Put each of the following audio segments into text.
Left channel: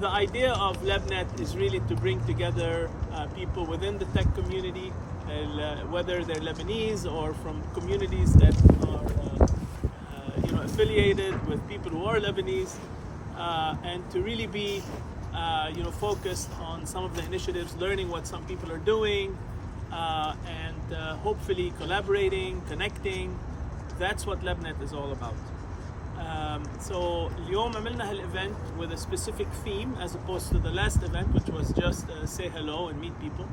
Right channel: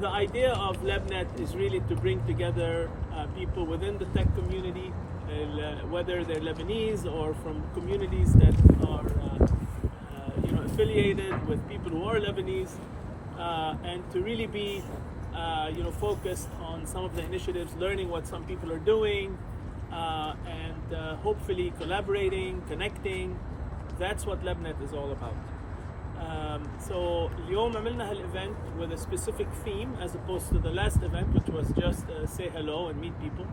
the idea of LebNet is really to bring together people within the tech community, whether they're Lebanese or from communities that are affiliated with people who are Lebanese, and to really be focused on some of the initiatives, learning what some people are doing, and hopefully collaborating, connecting. That's what LebNet is all about. So اليوم عملنا هالevent with a specific theme as opposed to the last event, which was just say hello and meet people.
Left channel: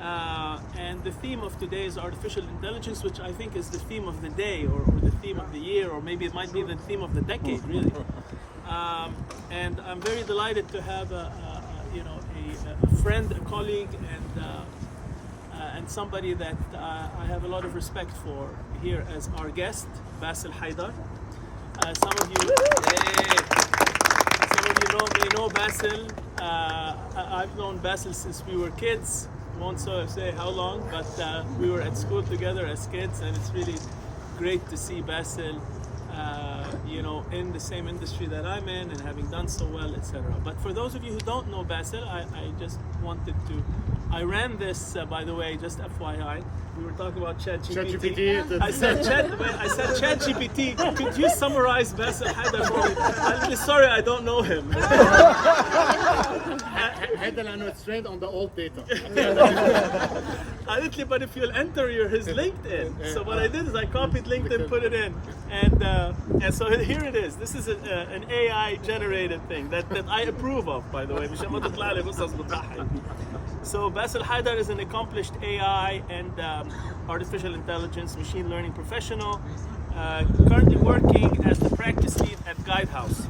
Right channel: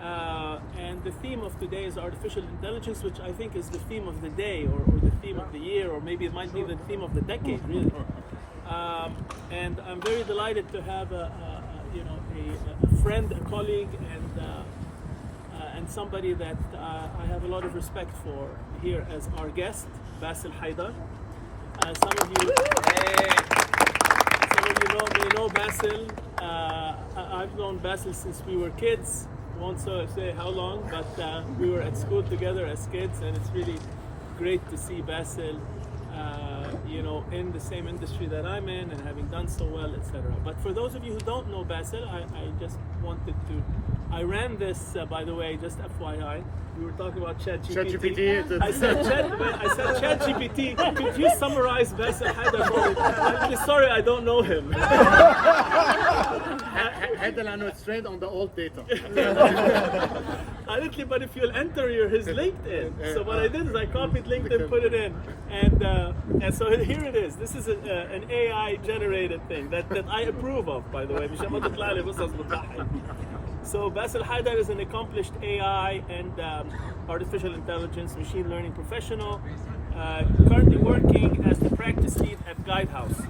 And the theme of today is artificial intelligence, which I think is the theme of the day, or the theme of the year, or maybe it might be the theme of the decade, really. And I'm very delighted to have a friend, a colleague, and somebody that I have a lot of respect for here as our guest, Bassel Haidar. Some of you may know Bassel. I've known Bassel since we were kids. Won't say how long, but we were at school together as kids, and it's really great to see Bassel, in the same industry that I'm in and having done so well, etc. But for those of you who don't know Bassel, I just wanted to. I ran this, by the way, just FYI. We were talking about ChatGPT. I said ChatGPT. Could you summarize Bassel Haider for me? I'm really sorry, I don't know him. هذا لأنه it's trained on the old data. Honestly, but if you'll enter his LinkedIn. So what I did is I copied LinkedIn, put it in, and so here it is. This is an AI generated thing that I approve of, by the way. So Bassel Haidar is an accomplished AI and artificial intelligence machine learning professional, currently working as the practice lead at Guidehouse.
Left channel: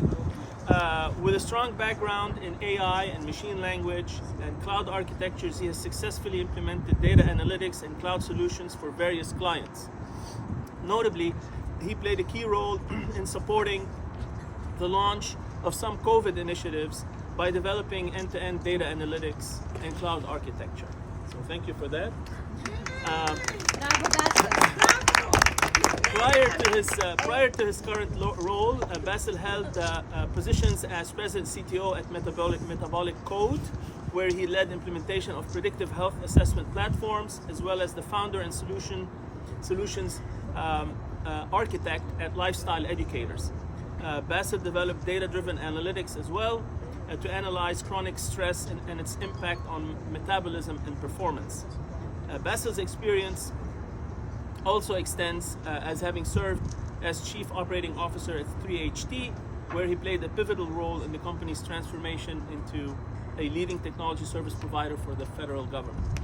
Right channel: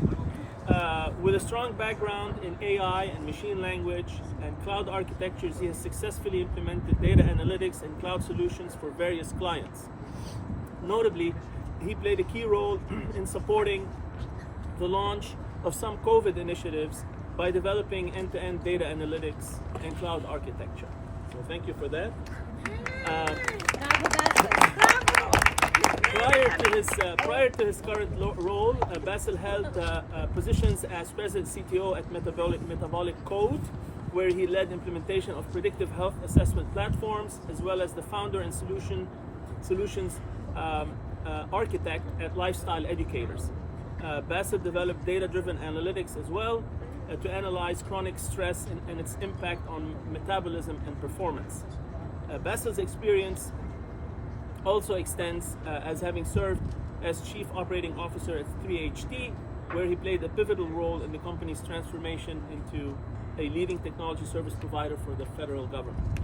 With a strong background in AI and machine language and cloud architectures, he has successfully implemented data analytics and cloud solutions for various clients. Notably, he played a key role in supporting the launch of some COVID initiatives by developing end-to-end data analytics and cloud architecture. So thank you for that. Prior to his current role, Bassel held positions as president CTO at Metabolic Code, where he led implementation of predictive health assessment platforms, as well as the founder and solutions architect at Lifestyle Educators. Bassel developed data-driven analytics as well to analyze chronic stress and its impact on metabolism and performance. Bassel's experience also extends as having served as Chief Operating Officer at 3HT, where he played a pivotal role in the company's transformation into a leading technology service provider for the federal government.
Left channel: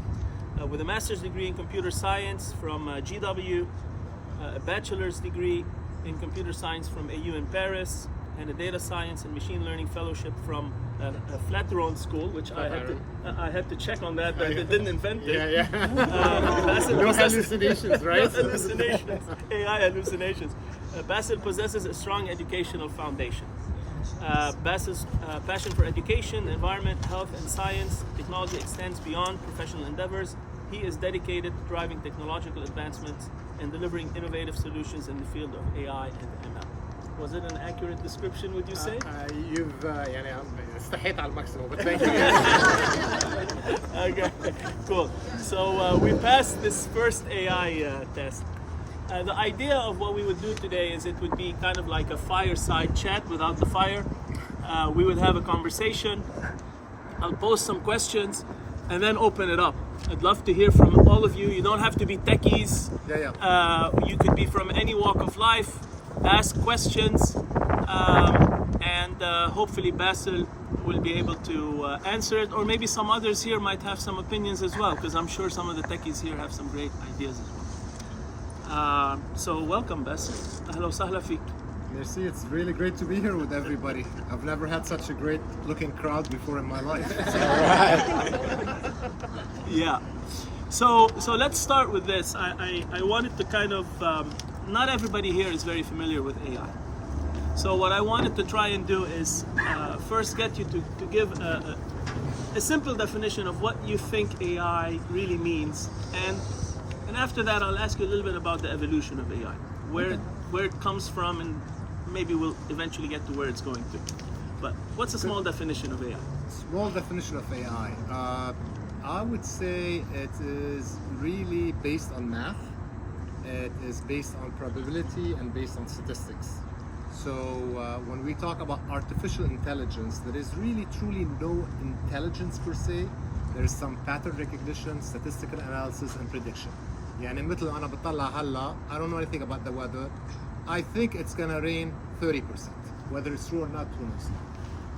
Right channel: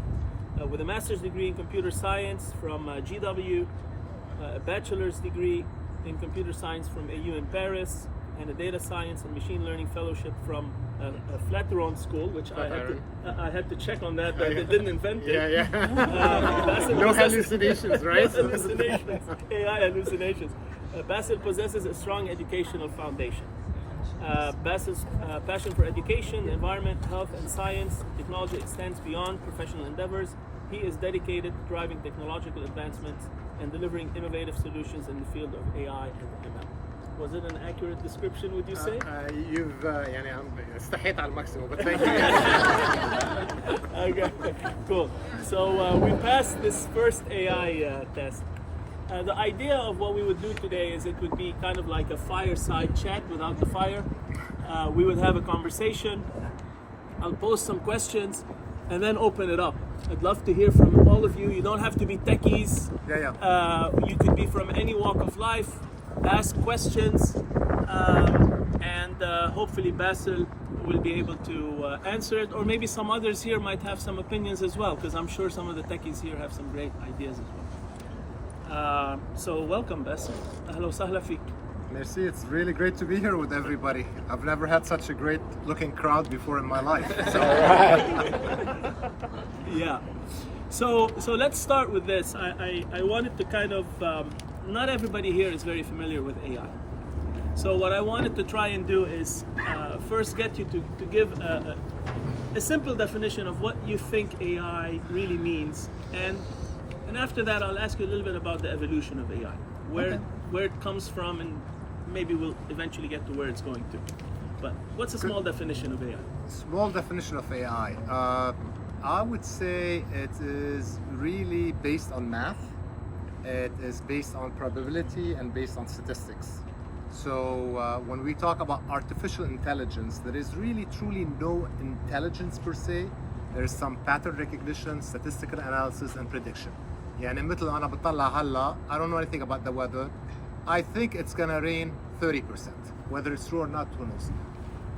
With a master's degree in computer science from GW, a bachelor's degree in computer science from AU in Paris, and a data science and machine learning fellowship from Flatiron School, which I had to check on that, but I didn't invent it. No hallucinations, right? No hallucinations, AI hallucinations. Bassel possesses a strong educational foundation. Bassel's passion for education, environment, health, and science technology extends beyond professional endeavors. He is dedicated to driving technological advancements and delivering innovative solutions in the field of AI and ML. Was it an accurate description, would you say? You've استحيت على الماكسيموم, but thank you. Okay, cool. So we passed this first AI test. The idea of what we would do today is it would be kind of like a fireside chat without the fire. We would have a conversation. I'll pose some questions and then open it up. I'd love to hear from all of you. You don't have to be techies. You could be from any walk of life. Ask questions, and hopefully Bassel will be able to answer it, or maybe some others here might have some opinions as well, because I'm sure some of the techies here have some great ideas as well. So welcome, Bassel. Ahla wa sahla fik. Merci, it's really great to be here with everybody. I've never had such a great looking crowd before in my life. So. Yeah. So let's start with this. I wanted to kind of, not everybody here is very familiar with AI. So what I wanted to try and do is first get you to give a simple definition of what you think AI really means. And after that, I'll ask you a little bit about the evolution of AI, where it comes from, and maybe we'll eventually get to where it's going to. But what's a small definition of AI? Small definition of AI. I would say it is really based on math. It is based on probability and based on statistics. So when we talk about artificial intelligence, there is really truly no intelligence per se. There is some pattern recognition, statistical analysis, and prediction. يعني مثل أنا بطلع هلا, I don't know anything about the weather. I think it's gonna rain 30%. Whether it's true or not, who knows?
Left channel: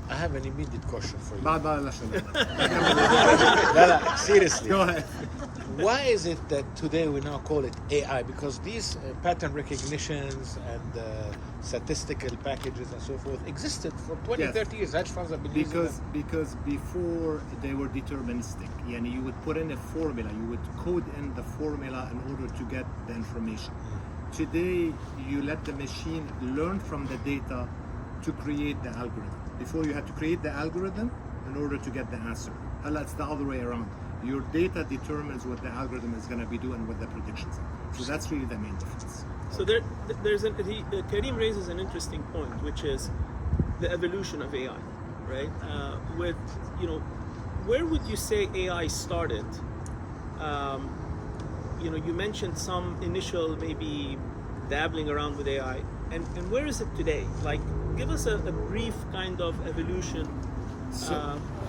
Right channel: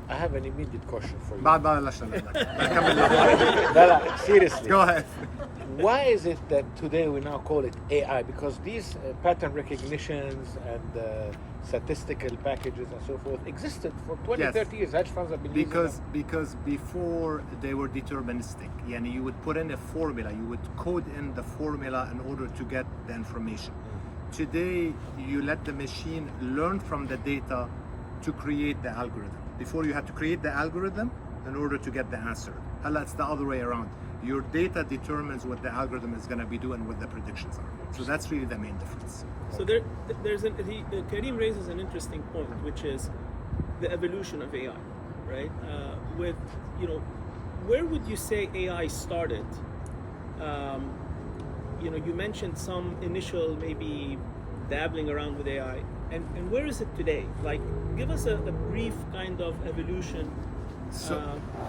I have an immediate question for you. بعد ما بلشنا No, seriously. Go ahead. Why is it that today we now call it AI? Because these pattern recognitions and statistical packages and so forth existed for 20, Yes. 30 years. Hedge funds have been using them. Because before they were deterministic. Yani you would put in a formula, you would code in the formula in order to get the information. Today, you let the machine learn from the data to create the algorithm. Before you had to create the algorithm in order to get the answer. Hala, it's the other way around. Your data determines what the algorithm is going to be doing and what the predictions are. So that's really the main difference. So Karim raises an interesting point, which is the evolution of AI, right? With, you know, where would you say AI started? You know, you mentioned some initial maybe dabbling around with AI, and where is it today? Like, give us a brief kind of evolution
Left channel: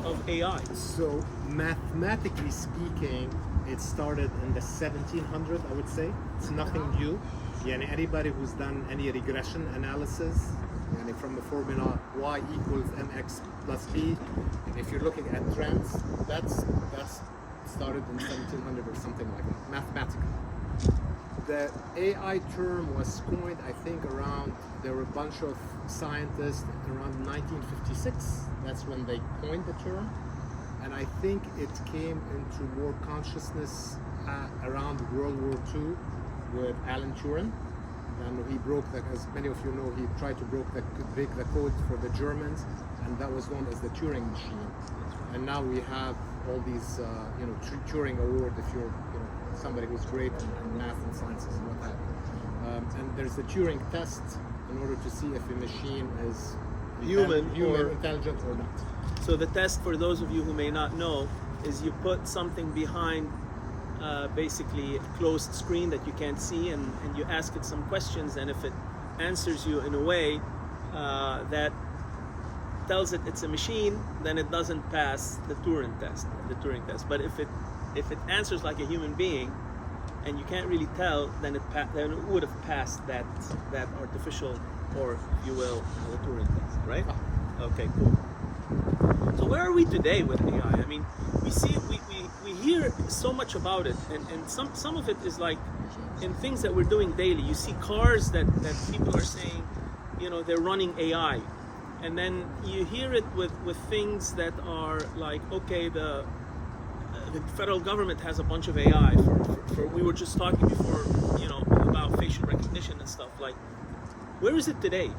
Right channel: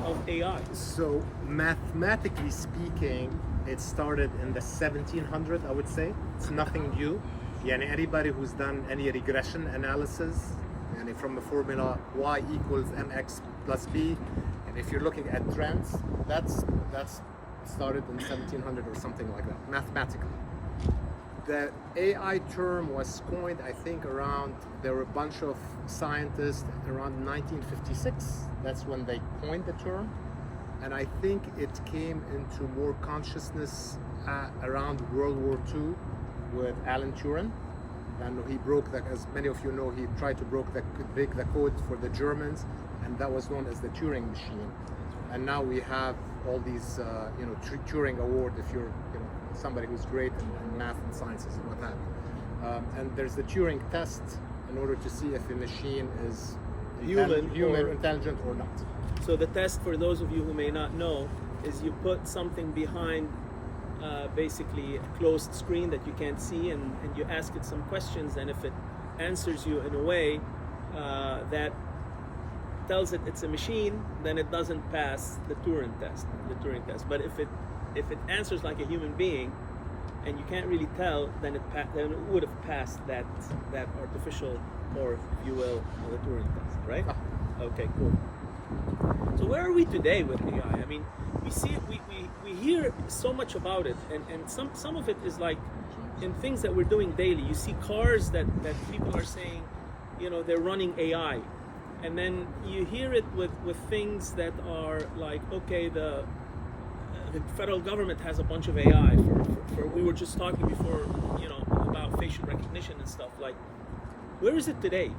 of AI. So mathematically speaking, it started in the 1700s, I would say. It's nothing new. Yani anybody who's done any regression analysis, yani from a formula y equals mx plus b, and if you're looking at trends, that's started in 1700 or something like that, mathematically. The AI term was coined, I think, around, there were a bunch of scientists around 1956. That's when they coined the term. And I think it came into more consciousness around World War II with Alan Turing. And he broke, as many of you know, he tried to break the code for the Germans, and that was known as the Turing machine. And now we have all these, Turing Award if you're, somebody who's great in math and sciences and what have you. And there's the Turing test in order to see if a machine is human intelligent or not. So the test, for those of you who may not know, is you put something behind basically a closed screen that you can't see, and you ask it some questions, and if it answers you in a way that tells it it's a machine, then it doesn't pass the Turing test. But if it answers like a human being, and you can't really tell, then it would have passed that artificial, or if you will, the Turing test, right? Okay, cool. So where are we today with AI? I mean, we hear so much about it, and some of it is like in things that we're doing daily. You see cars that people are saying, they're running AI. And then you hear it with things that are like, okay, the federal government has a bunch of AI. We were just talking before, about facial recognition and stuff. Like, where is it today?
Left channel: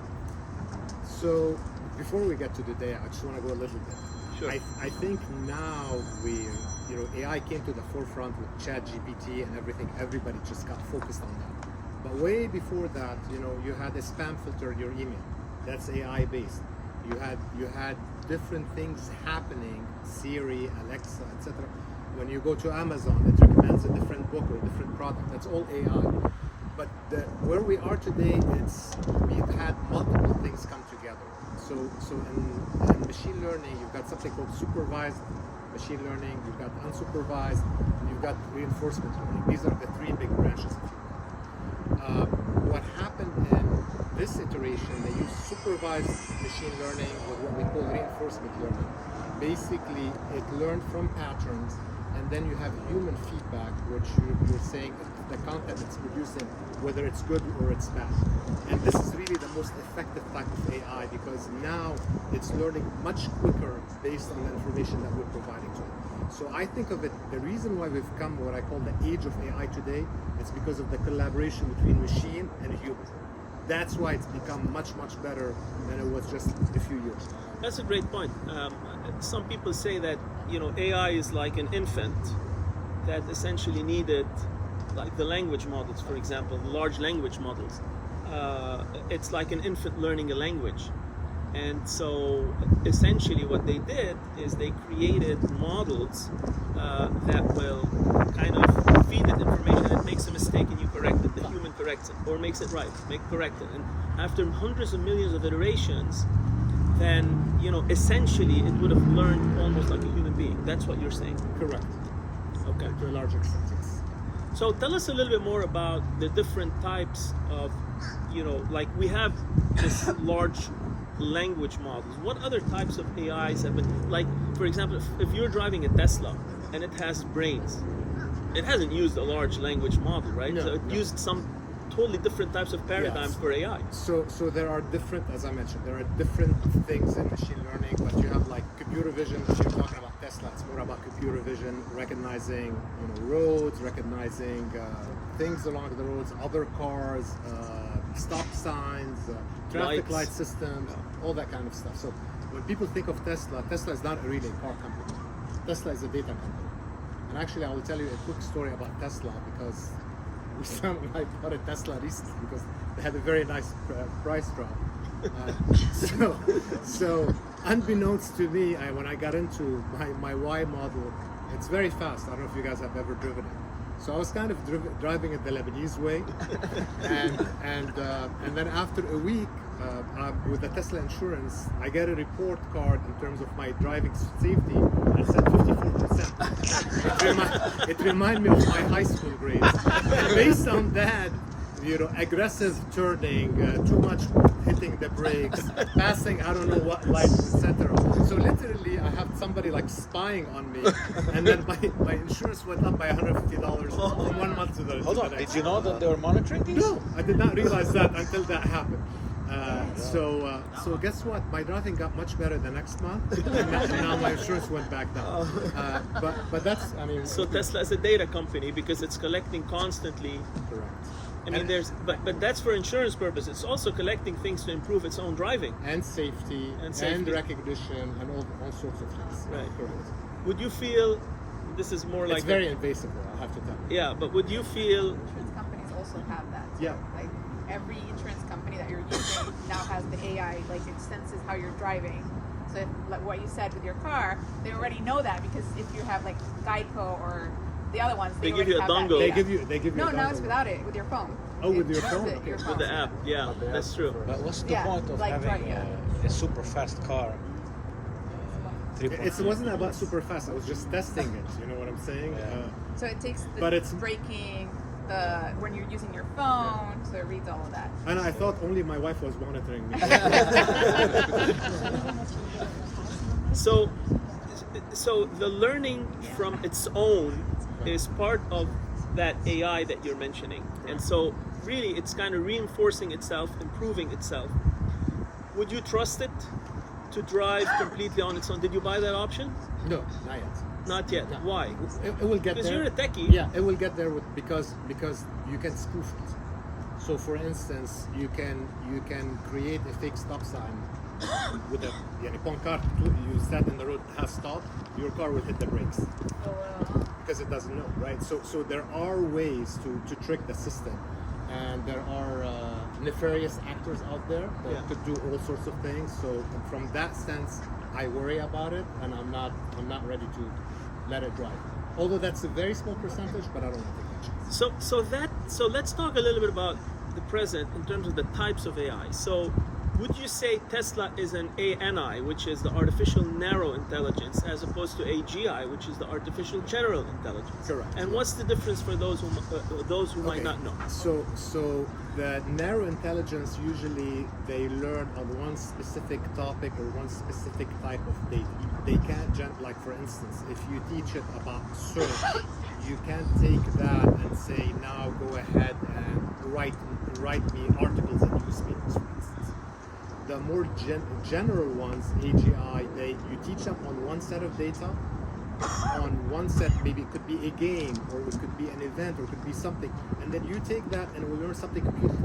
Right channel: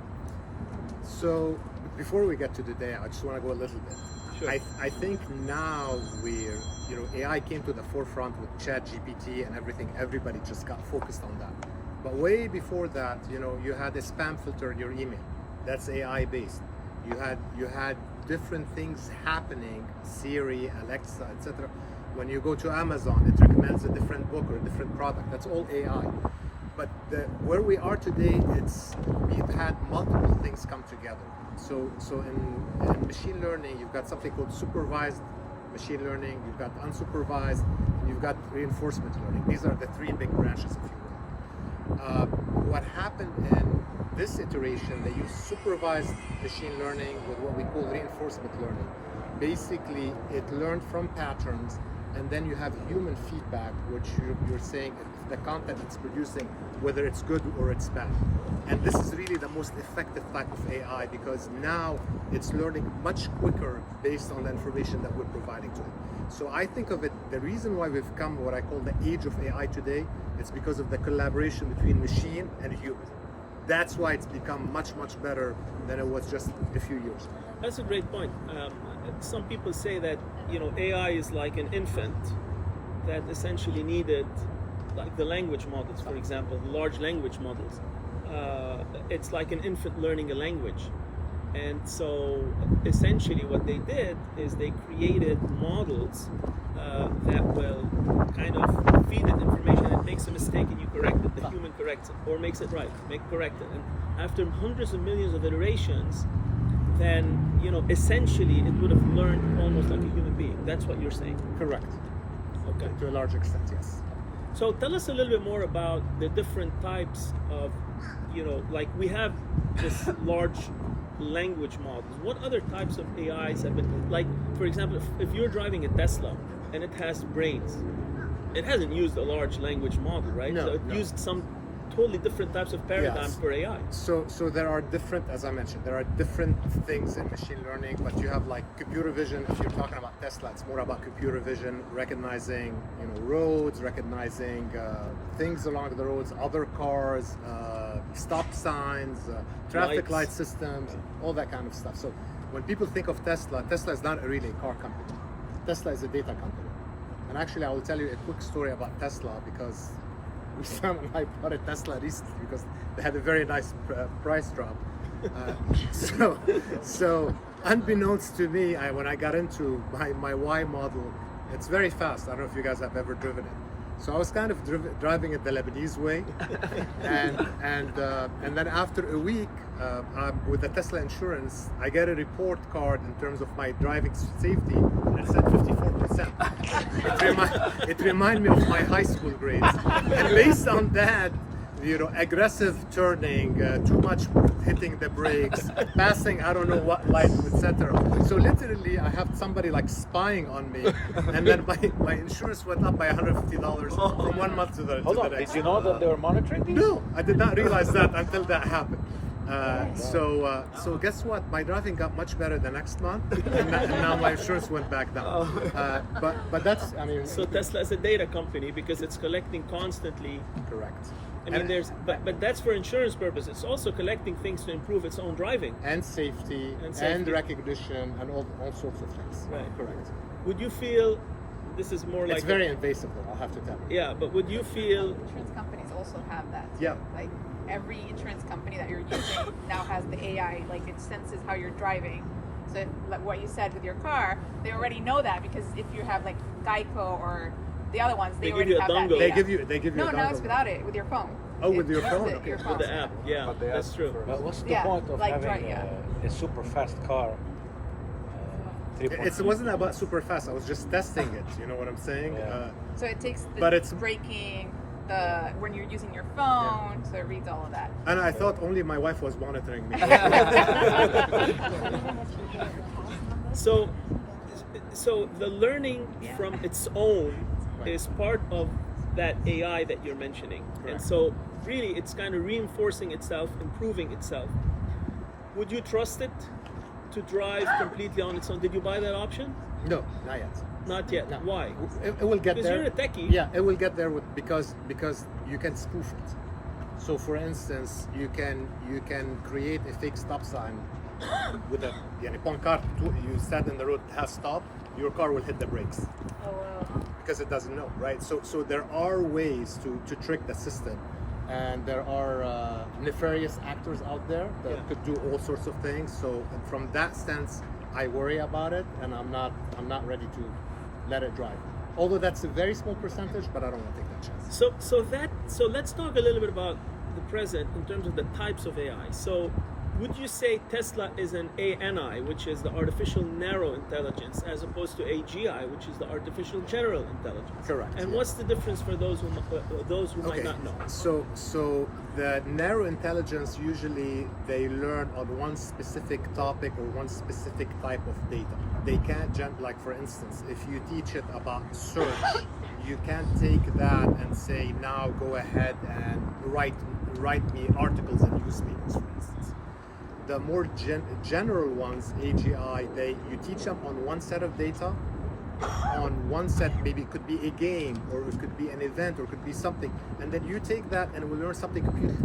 So before we get to today, I just want to go a little bit. Sure. I think now AI came to the forefront with ChatGPT and everything. Everybody just got focused on that. But way before that, you had a spam filter in your email. That's AI based. You had different things happening, Siri, Alexa, etc. When you go to Amazon, it recommends a different book or a different product. That's all AI. But where we are today, we've had multiple things come together. So in machine learning, you've got something called supervised machine learning, you've got unsupervised, and you've got reinforcement learning. These are the three big branches, if you will. What happened in this iteration, they use supervised machine learning with what we call reinforcement learning. Basically, it learned from patterns, and then you have human feedback, which you're saying the content it's producing, whether it's good or it's bad. And this is really the most effective type of AI, because now it's learning much quicker based on the information that we're providing to it. So I think of it, the reason why we've come what I call the age of AI today is because of the collaboration between machine and human. That's why it's become much, much better than it was just a few years ago. That's a great point. Some people say that AI is like an infant that essentially needed, like the language models, for example, the large language models. It's like an infant learning a language, And so essentially what they did is they created models that will kind of feed it information, and it makes a mistake and you correct it. The human corrects it or makes it right, correct it. And after hundreds of millions of iterations, then, you know, essentially it would have learned almost like a human being. That's what you're saying. Correct. Okay. To a large extent, yes. So tell us a little bit more about the different types of, you know, like we have this large language models. What other types of AIs have been, like, for example, if you're driving a Tesla and it has brains, it hasn't used a large language model, right? No, So it no. used some totally different types of paradigms Yes. for AI. So there are different, as I mentioned, there are different things in machine learning, but you have like computer vision. If you're talking about Tesla, it's more about computer vision, recognizing, you know, roads, recognizing things along the roads, other cars, stop signs, traffic Lights. light systems, all that kind of stuff. So when people think of Tesla, Tesla is not really a car company. Tesla is a data company. And actually, I will tell you a quick story about Tesla because Wissam and I bought a Tesla recently because they had a very nice price drop. So unbeknownst to me, when I got into my Y model, it's very fast. I don't know if you guys have ever driven it. So I was kind of driving it the Lebanese way, and then after a week with the Tesla insurance, I get a report card in terms of my driving safety, and it said 54%. It reminded me of my high school grades, and based on that, you know, aggressive turning, too much hitting the brakes, passing I don't know what lights, etc. So literally, I have somebody like spying on me, and then my insurance went up by $150 from 1 month to the Hold on, next. did you know that they were monitoring these? No, I did not realize that until that happened. So guess what? My driving got much better the next month, and now my insurance went back down. But that's, I mean, So Tesla is a data company because it's collecting constantly. correct. I mean, but that's for insurance purposes. It's also collecting things to improve its own driving. And safety, And and safety. recognition, and all sorts of things. Right. Correct. Would you feel, this is more like It's very invasive, though, I'll have to tell you. yeah, but would you feel Insurance companies also have that. Yeah. Like every insurance company that you're using now has the AI, like it senses how you're driving. So like what you said with your car, they already know that because if you have like Geico or the other ones, They give already you a have that dongle. data. They give you No, a no, dongle. it's without it, with your phone. Oh, with your It phone? does it, Okay. your with the app? Yeah, that's true. What's the Yeah, point of like having yeah. a super fast car? It wasn't about super fast. I was just testing it. You know what I'm saying? Yeah. So it takes the But it's- braking, when you're using your phone, so it reads all of that. And I thought only my wife was monitoring me. So the learning from its own Right. is part of that AI that you're mentioning. And Correct. so really it's kind of reinforcing itself, improving itself. Would you trust it to drive completely on its own? Did you buy that option? No, not yet. Not yet. No. Why? It will get Because there. you're a techie. Yeah, it will get there because you can spoof it. So for instance, you can create a fake stop sign with a pancart. You stand in the road, it has stop. Your car will hit the brakes because it doesn't know, right? So there are ways to trick the system, and there are nefarious actors out there that Yeah. could do all sorts of things. So from that sense, I worry about it, and I'm not ready to let it drive. Although that's a very small percentage, but I don't want to take that chance. So let's talk a little bit about the present in terms of the types of AI. So would you say Tesla is an ANI, which is the artificial narrow intelligence, as opposed to AGI, which is the artificial general intelligence? Correct, And yeah. what's the difference for those who might not know? So the narrow intelligence, usually they learn on one specific topic or one specific type of data. They can't like for instance, if you teach it about search, you can't take that and say now go ahead and write me articles and newspapers, for instance. The more general ones, AGI, you teach them on one set of data, on one set, maybe it could be a game, or it could be an event, or it could be something, and then you take that and we learn something completely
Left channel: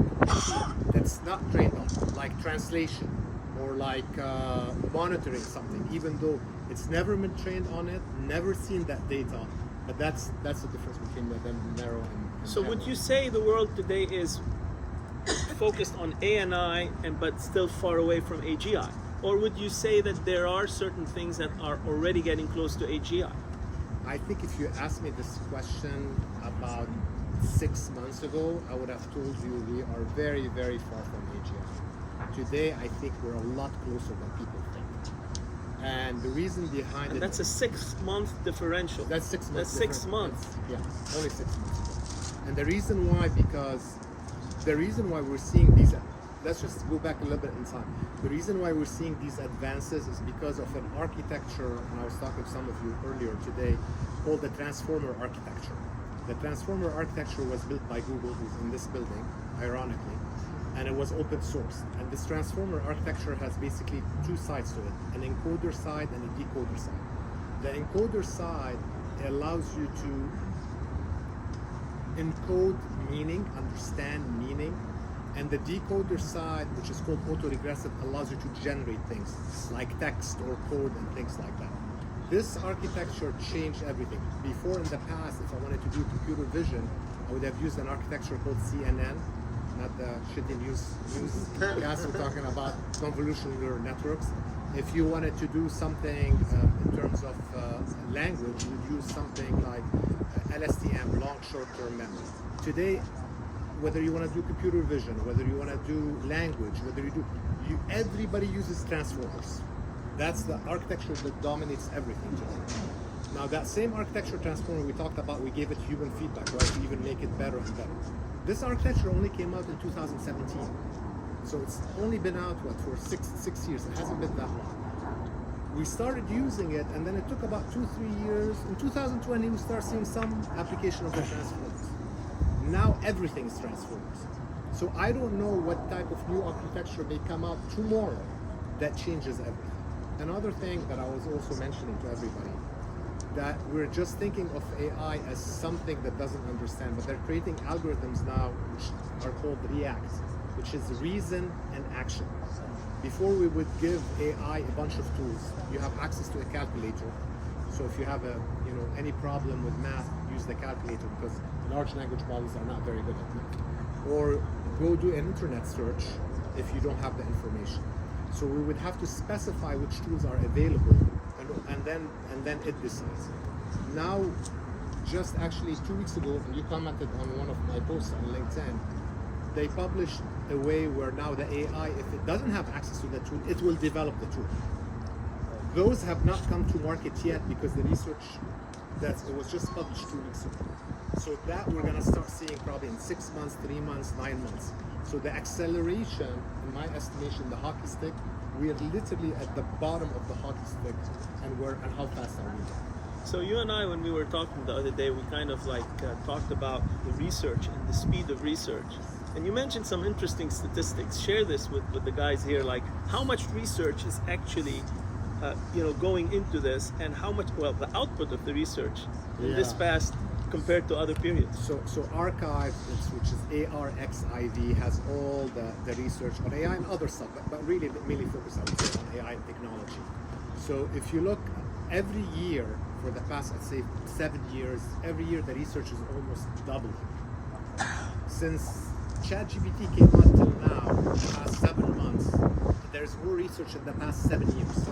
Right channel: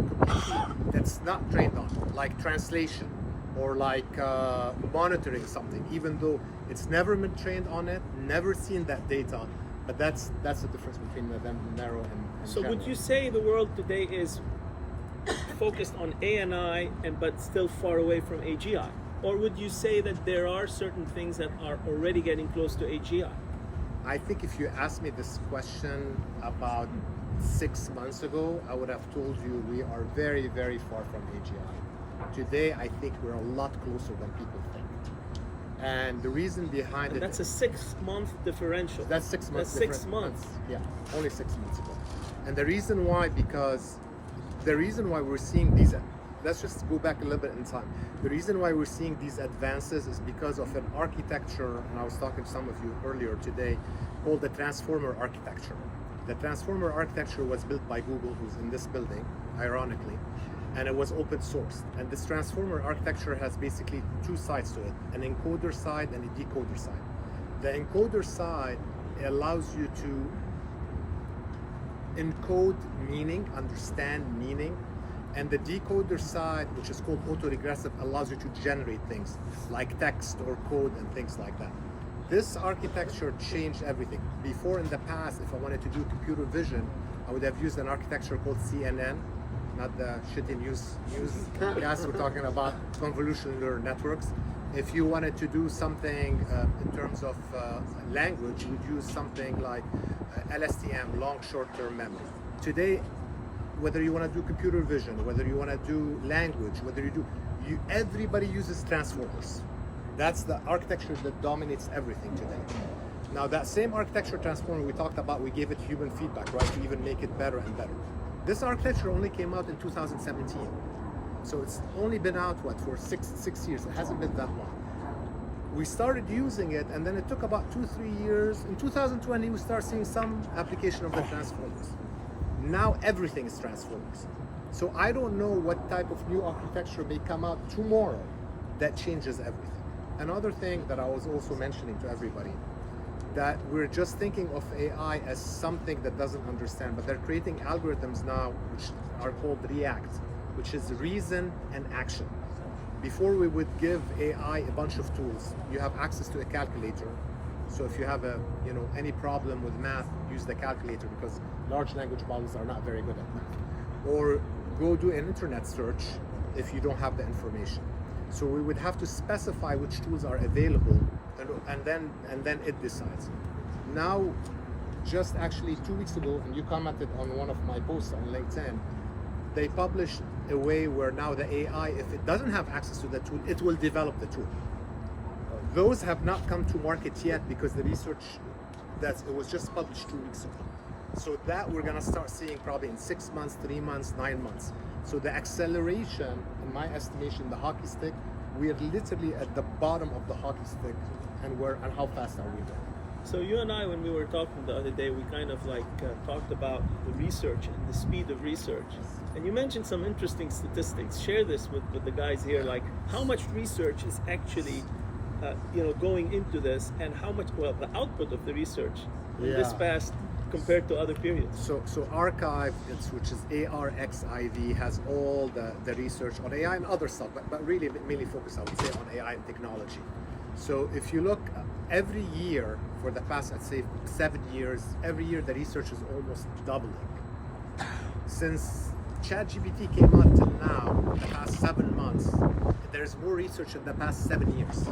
that's not trained on, like translation, or like monitoring something, even though it's never been trained on it, never seen that data. But that's the difference between the narrow and So general. would you say the world today is focused on ANI but still far away from AGI? Or would you say that there are certain things that are already getting close to AGI? I think if you asked me this question about 6 months ago, I would have told you we are very, very far from AGI. Today, I think we're a lot closer than people think. And the reason behind And it... that's a 6-month differential. That's 6 months. That's 6 months. Yeah, only 6 months ago. And the reason why, we're seeing these, let's just go back a little bit in time. The reason why we're seeing these advances is because of an architecture, and I was talking to some of you earlier today, called the transformer architecture. The transformer architecture was built by Google, who's in this building, ironically, and it was open source. And this transformer architecture has basically two sides to it, an encoder side and a decoder side. The encoder side allows you to encode meaning, understand meaning, and the decoder side, which is called autoregressive, allows you to generate things like text or code and things like that. This architecture changed everything. Before, in the past, if I wanted to do computer vision, I would have used an architecture called CNN, not the shitty newscast. We're talking about convolutional neural networks. If you wanted to do something in terms of language, you would use something like LSTM, long short-term memory. Today, whether you want to do computer vision, whether you want to do language, everybody uses transformers. That's the architecture that dominates everything today. Now, that same architecture transformer we talked about, we gave it human feedback, right, to even make it better and better. This architecture only came out in 2017. So it's only been out, for six years. It hasn't been that long. We started using it, and then it took about 2-3 years. In 2020, we start seeing some application of the transformers. Now everything is transformers. So I don't know what type of new architecture may come out tomorrow that changes everything. Another thing that I was also mentioning to everybody, that we're just thinking of AI as something that doesn't understand, but they're creating algorithms now which are called REACT, which is reason and action. Before, we would give AI a bunch of tools. You have access to a calculator. So if you have any problem with math, use the calculator, because large language models are not very good at math. Or go do an internet search if you don't have the information. So we would have to specify which tools are available, and then it decides. Now, just actually 2 weeks ago, and you commented on one of my posts on LinkedIn, they published a way where now the AI, if it doesn't have access to the tool, it will develop the tool. Those have not come to market yet because the research it was just published 2 weeks ago. So that we're gonna start seeing probably in 6 months, 3 months, 9 months. So the acceleration, in my estimation, the hockey stick, we are literally at the bottom of the hockey stick, and how fast are we going? So you and I, when we were talking the other day, we kind of talked about the research and the speed of research. And you mentioned some interesting statistics. Share this with the guys here, like how much research is actually going into this, and how much, the output of the research in this past compared to other periods. So Archive, which is ARXIV, has all the research on AI and other stuff, but really mainly focused, I would say, on AI and technology. So if you look every year for the past, I'd say 7 years, every year the research is almost doubling. Since ChatGPT came out till now, the past 7 months, there's more research in the past 7 years,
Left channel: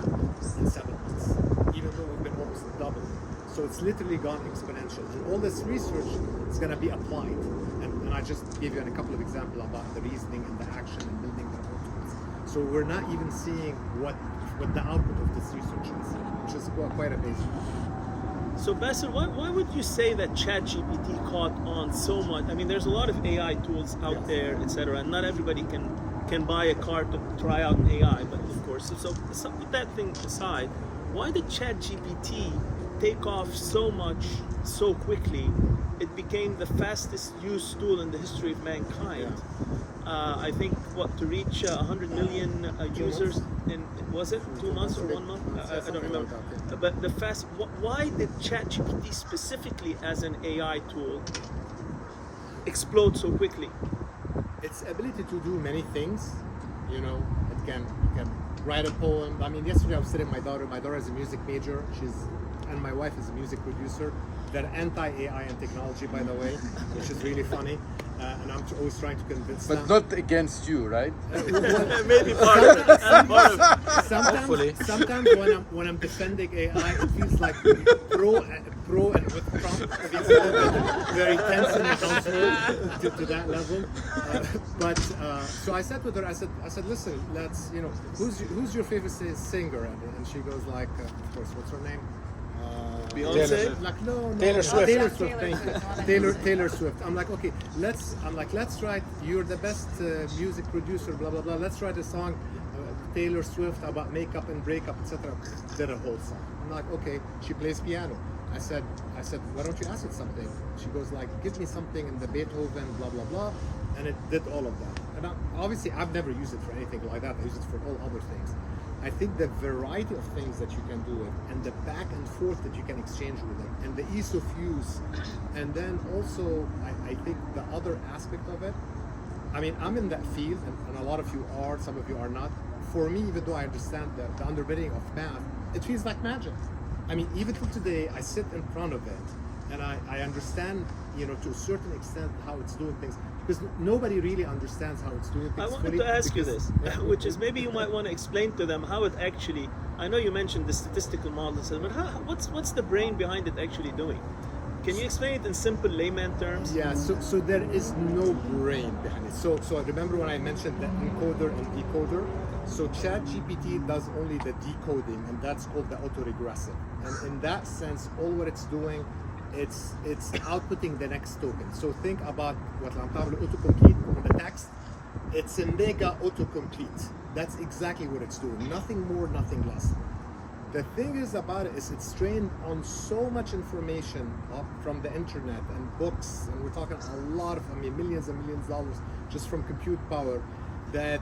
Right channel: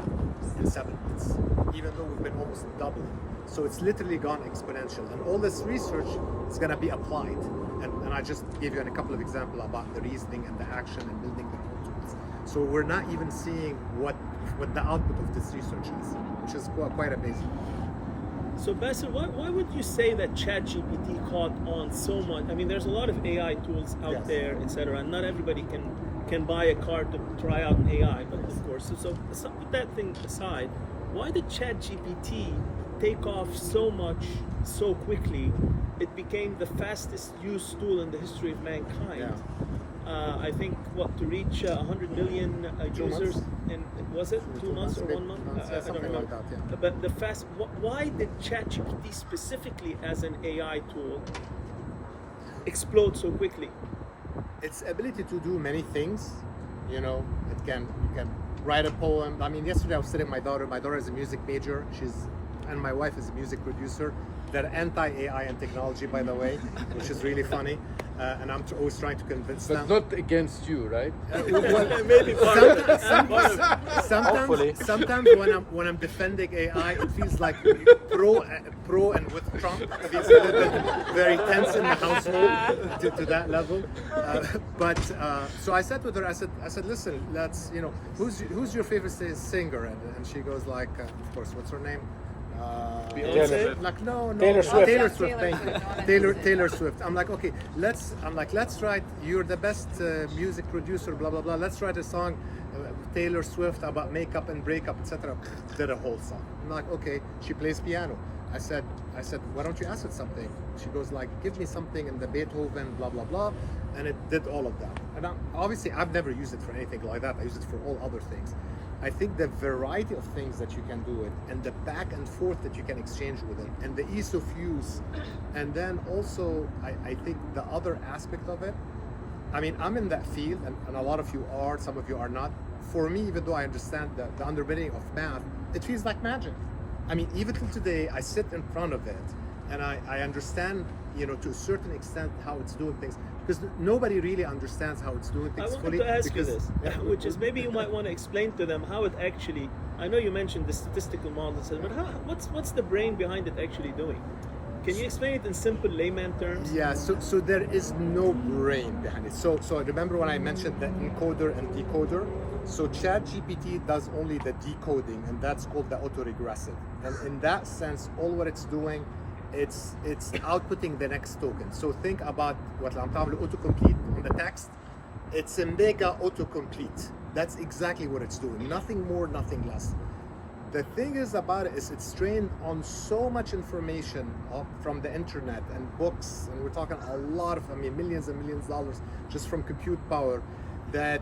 in 7 months, even though we've been almost doubling. So it's literally gone exponential, and all this research is going to be applied. And I just gave you a couple of examples about the reasoning and the action and building their own tools. So we're not even seeing what the output of this research is, which is quite amazing. So Bassel, why would you say that ChatGPT caught on so much? I mean, there's a lot of AI tools out there, etc., and not everybody can buy a car to try out AI. But of course, so put that thing aside. Why did ChatGPT take off so much so quickly? It became the fastest used tool in the history of mankind. I think to reach 100 million users in, was it 2 months or 1 month? I don't remember. Like that, But why did ChatGPT specifically as an AI tool explode so quickly? Its ability to do many things. You can write a poem. I mean, yesterday I was sitting with my daughter. My daughter is a music major. And my wife is a music producer. They're anti-AI and technology, by the way, which is really funny. and I'm always trying to convince But them. not against you, right? Sometimes when I'm defending AI, it feels like pro and with Trump. It feels a little bit very tense in the household to that level. So I said with her, I said, listen, let's, who's your favorite singer? And she goes like, of course, what's her name? Beyonce? Like no, Taylor Swift. Taylor Swift. Thank you, Taylor Swift. I'm like, okay, let's write. You're the best music producer. Blah blah blah. Let's write a song, Taylor Swift about makeup and breakup, etc. Did a whole song. I'm like, okay. She plays piano. I said, why don't you ask it something? She goes like, give me something in the Beethoven, blah blah blah, and it did all of that. And obviously, I've never used it for anything like that. I use it for all other things. I think the variety of things that you can do it, and the back and forth that you can exchange with it, and the ease of use, and then also I think the other aspect of it. I mean, I'm in that field, and a lot of you are, some of you are not. For me, even though I understand the underpinning of math, it feels like magic. I mean, even till today, I sit in front of it, and I understand, to a certain extent how it's doing things. Because nobody really understands how it's doing things I wanted fully. to ask you because, this, which is maybe you might want to explain to them how it actually. I know you mentioned the statistical models, but what's the brain behind it actually doing? Can you explain it in simple layman terms? Yeah, so there is no brain behind it. So remember when I mentioned the encoder and decoder? So ChatGPT does only the decoding, and that's called the autoregressive. And in that sense, all what it's doing, it's outputting the next token. So think about what I'm calling autocomplete on the text. It's a mega autocomplete. That's exactly what it's doing. Nothing more, nothing less. The thing is about it is it's trained on so much information from the internet and books, and we're talking a lot of, millions and millions of dollars just from compute power, that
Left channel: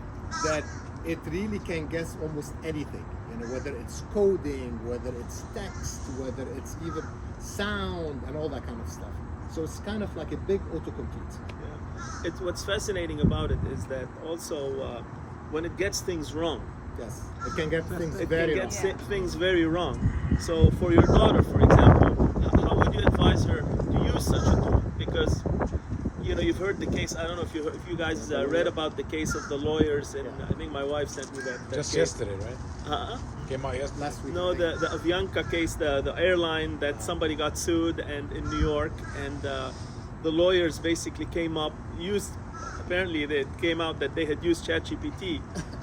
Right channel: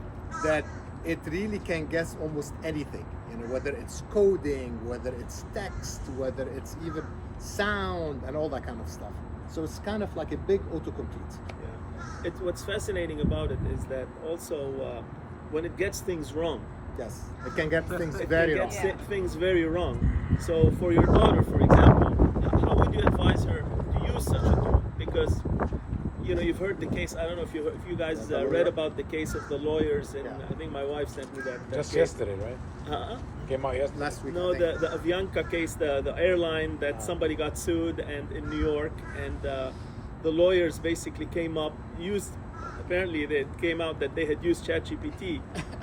it really can guess almost anything. Whether it's coding, whether it's text, whether it's even sound and all that kind of stuff. So it's kind of like a big autocomplete. Yeah. What's fascinating about it is that also when it gets things wrong. Yes, it can get things It very can wrong. get things very wrong. So for your daughter, for example, how would you advise her to use such a tool? Because you've heard the case. I don't know if you guys read about the case of the lawyers, and I think my wife sent me that Just case. yesterday, right? Came out yesterday. Last week. No, I think. the Avianca case, the airline that somebody got sued, and in New York, and the lawyers basically apparently it came out that they had used ChatGPT,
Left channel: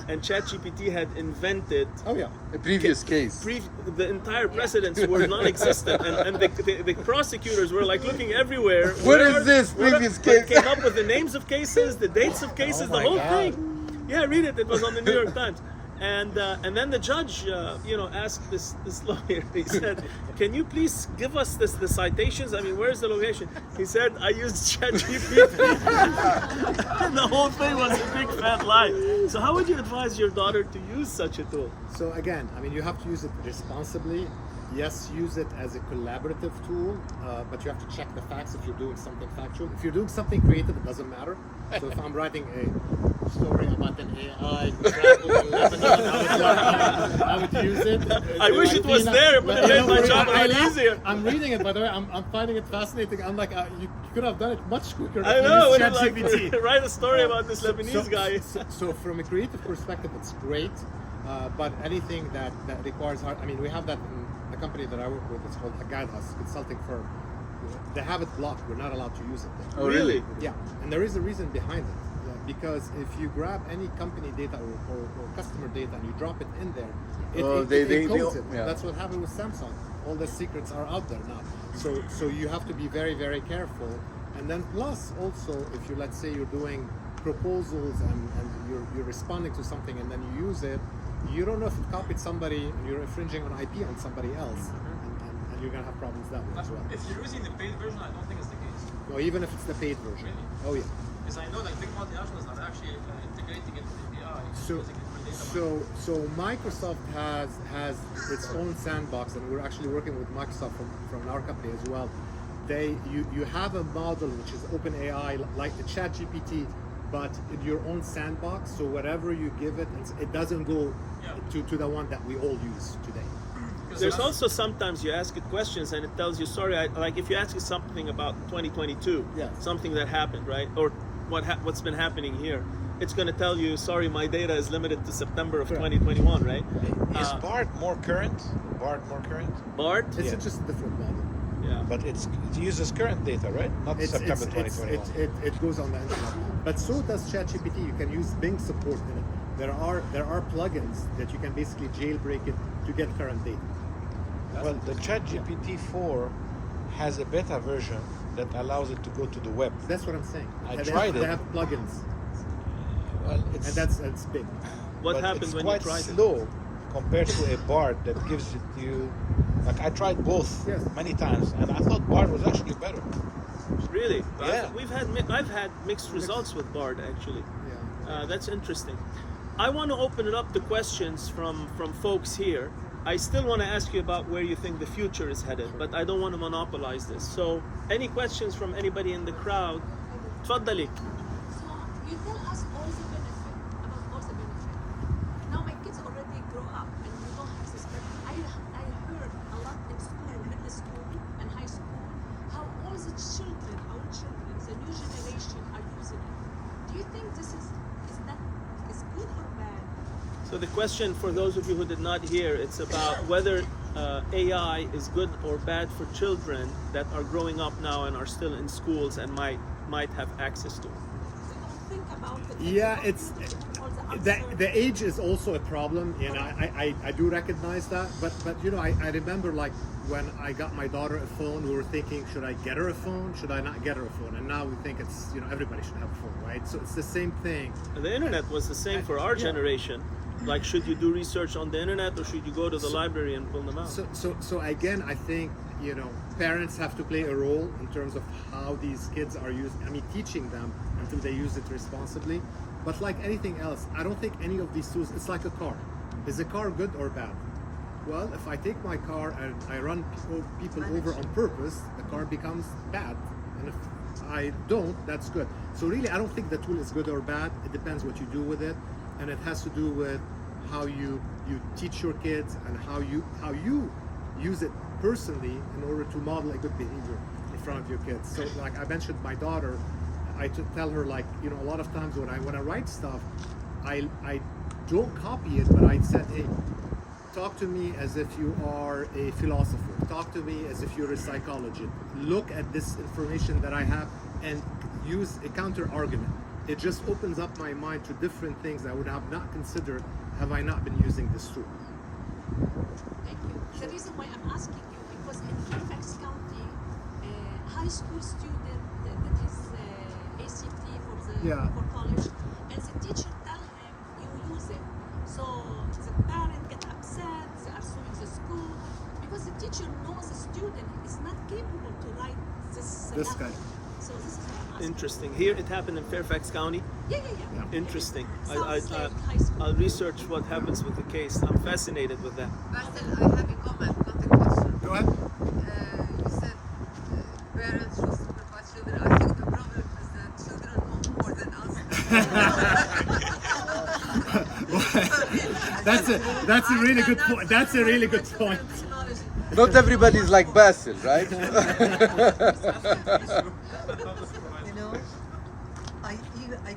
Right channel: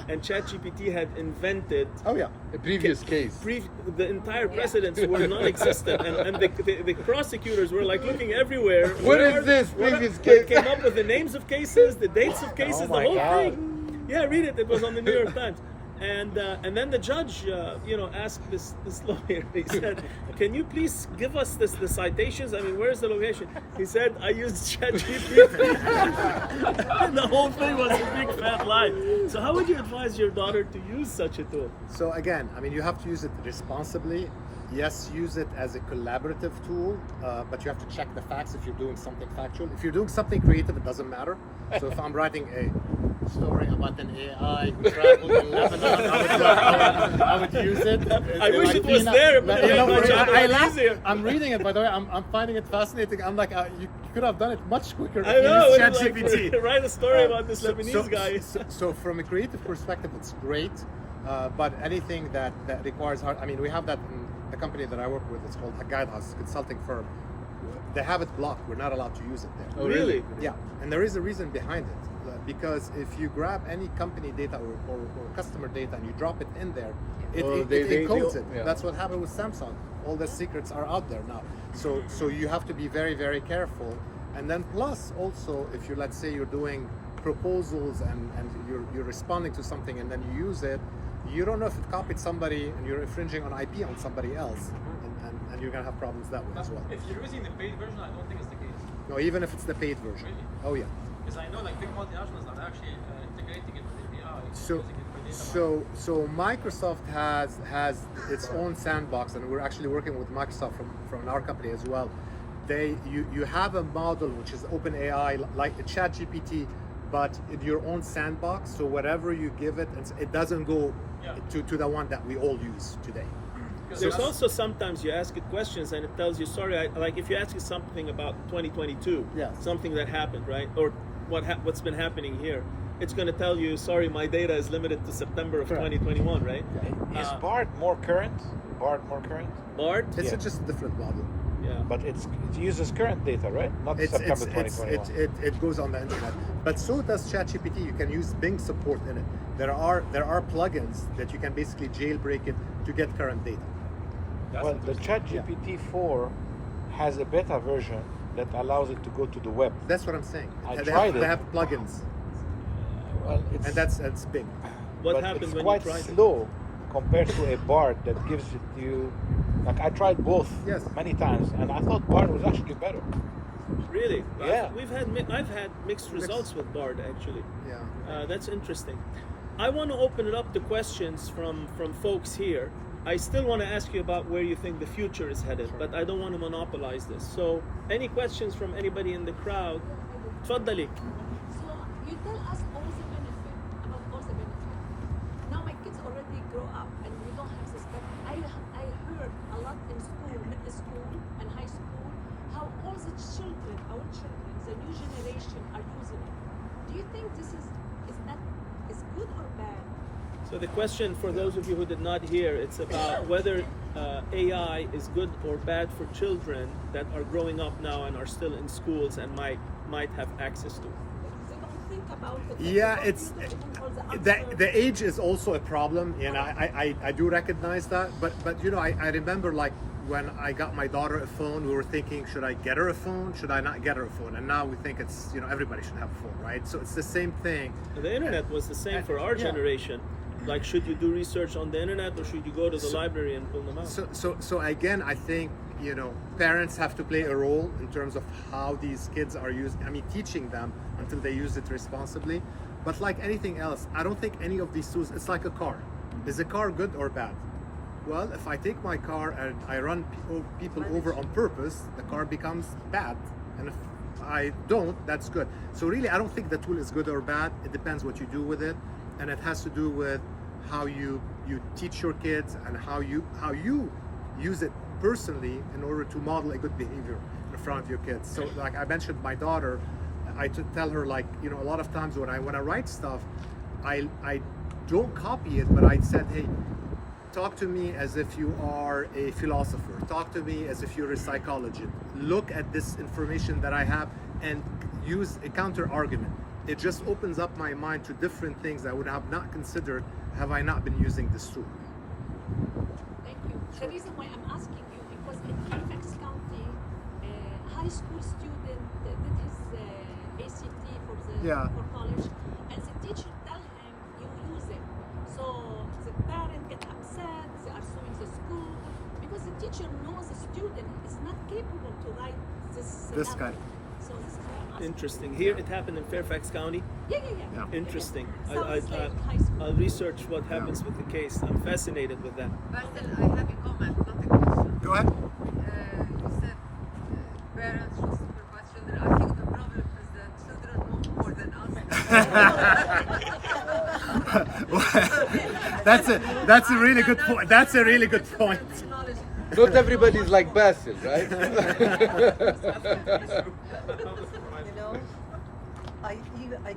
and ChatGPT had invented The previous case. the entire precedents were non-existent, and the prosecutors were like looking everywhere. What is this previous They case? came up with the names of cases, the dates of cases, the my whole God. thing. Yeah, read it. It was on the New York Times. And then the judge, asked this lawyer. He said, "Can you please give us the citations? I mean, where's the location?" He said, "I used ChatGPT." And the whole thing was a big fat lie. So, how would you advise your daughter to use such a tool? So again, you have to use it responsibly. Yes, use it as a collaborative tool, but you have to check the facts if you're doing something factual. If you're doing something creative, it doesn't matter. So if I'm writing a story about an AI who traveled in Lebanon, I would use it. I wish it was there, but it made my job a lot laugh. easier. I'm reading it, by the way. I'm finding it fascinating. I'm like, you could have done it much quicker I if know. you used Like, ChatGPT. write a story about this Lebanese guy. So from a creative perspective, it's great. But anything that requires hard, we have that in the company that I work with. It's called a Guidehouse consulting firm. They have it blocked. We're not allowed to use it there. Oh, really? Yeah, and there is a reason behind it. Because if you grab any company data or customer data and you drop it in there, it encodes it. Yeah. That's what happened with Samsung. All the secrets are out there now. So you have to be very, very careful. And then plus also, if let's say you're doing proposals and you're responding to something and then you use it, you don't know if it copied somebody and you're infringing on IP on somebody else, and you're gonna have problems that way as well. If you're using the paid version, I don't think it's the case. No, even if it's the paid version. Really? Oh yeah. Because I know big multinationals are actually integrating it with AI, using it for data mining. So Microsoft has its own sandbox, and we're actually working with Microsoft from our company as well. You have a model which is OpenAI, like the ChatGPT, but in your own sandbox. So whatever you give it, it doesn't go to the one that we all use today. There's also sometimes you ask it questions and it tells you, sorry, like if you ask it something about 2022, Yes. something that happened, right? Or what's been happening here. It's going to tell you, sorry, my data is limited to September of Correct. 2021, right? Is BART more current? BART? It's Yeah. just a different model. Yeah. But it uses current data, right? Not September 2021. It goes on the internet. But so does ChatGPT. You can use Bing support in it. There are plugins that you can basically jailbreak it to get current data. Well, the ChatGPT 4 has a beta version that allows it to go to the web. That's what I'm saying. I They tried have, it. they have plugins, Well, it's, and that's big. What but happened it's when you quite tried it? slow compared to a BART that gives it you. Like I tried both Yes. many times, and I thought BART was actually better. Really? Yeah. I've had mixed results with BART actually. Yeah. That's interesting. I want to open it up to questions from folks here. I still want to ask you about where you think the future is headed, but I don't want to monopolize this. So, any questions from anybody in the crowd? Tfaddali. So you tell us all the benefit, about all the benefit. Now my kids already grow up and you don't have this, but I heard a lot in school, middle school and high school, how all the children, our children, the new generation are using it. Do you think this is good or bad? So the question for those of you who did not hear, it's about whether AI is good or bad for children that are growing up now and are still in schools and might have access to it. They don't think about it. Yeah, it's the age is also a problem, and I do recognize that. But you know, I remember like when I got my daughter a phone, we were thinking, should I get her a phone? Should I not get her a phone? And now we think it's, you know, everybody should have a phone, right? So it's the same thing. The internet was the same for our generation. Like, should you do research on the internet or should you go to the library and pull them out? So again, I think, you know, parents have to play a role in terms of how these kids are used. I mean, teaching them until they use it responsibly. But like anything else, I don't think any of these tools, it's like a car. Is a car good or bad? Well, if I take my car and I run people over on purpose, the car becomes bad. And if I don't, that's good. So really, I don't think the tool is good or bad. It depends what you do with it. And it has to do with how you teach your kids and how you use it personally in order to model a good behavior in front of your kids. So like I mentioned my daughter, I tell her, like, you know, a lot of times when I write stuff, I don't copy it, but I said, hey, talk to me as if you are a philosopher. Talk to me as if you're a psychologist. Look at this information that I have and use a counter argument. It just opens up my mind to different things I would have not considered have I not been using this tool. Thank you. The reason why I'm asking you, because in Fairfax County, a high school student did his ACT for college, and the teacher tell him, you use it. So the parent get upset, they are suing the school, because the teacher knows the student is not capable to write this kind. So this is why I'm asking. Interesting. Here it happened in Fairfax County. Yeah. Interesting. Sounds like high school. I'll research what happens with the case. I'm fascinated with that. Bassel, I have a comment, not a question. Go ahead. You said parents should supervise children. I think the problem is that children know more than us. That's a really good point. That's a really good point. Not everybody is like Bassel, right? You know, I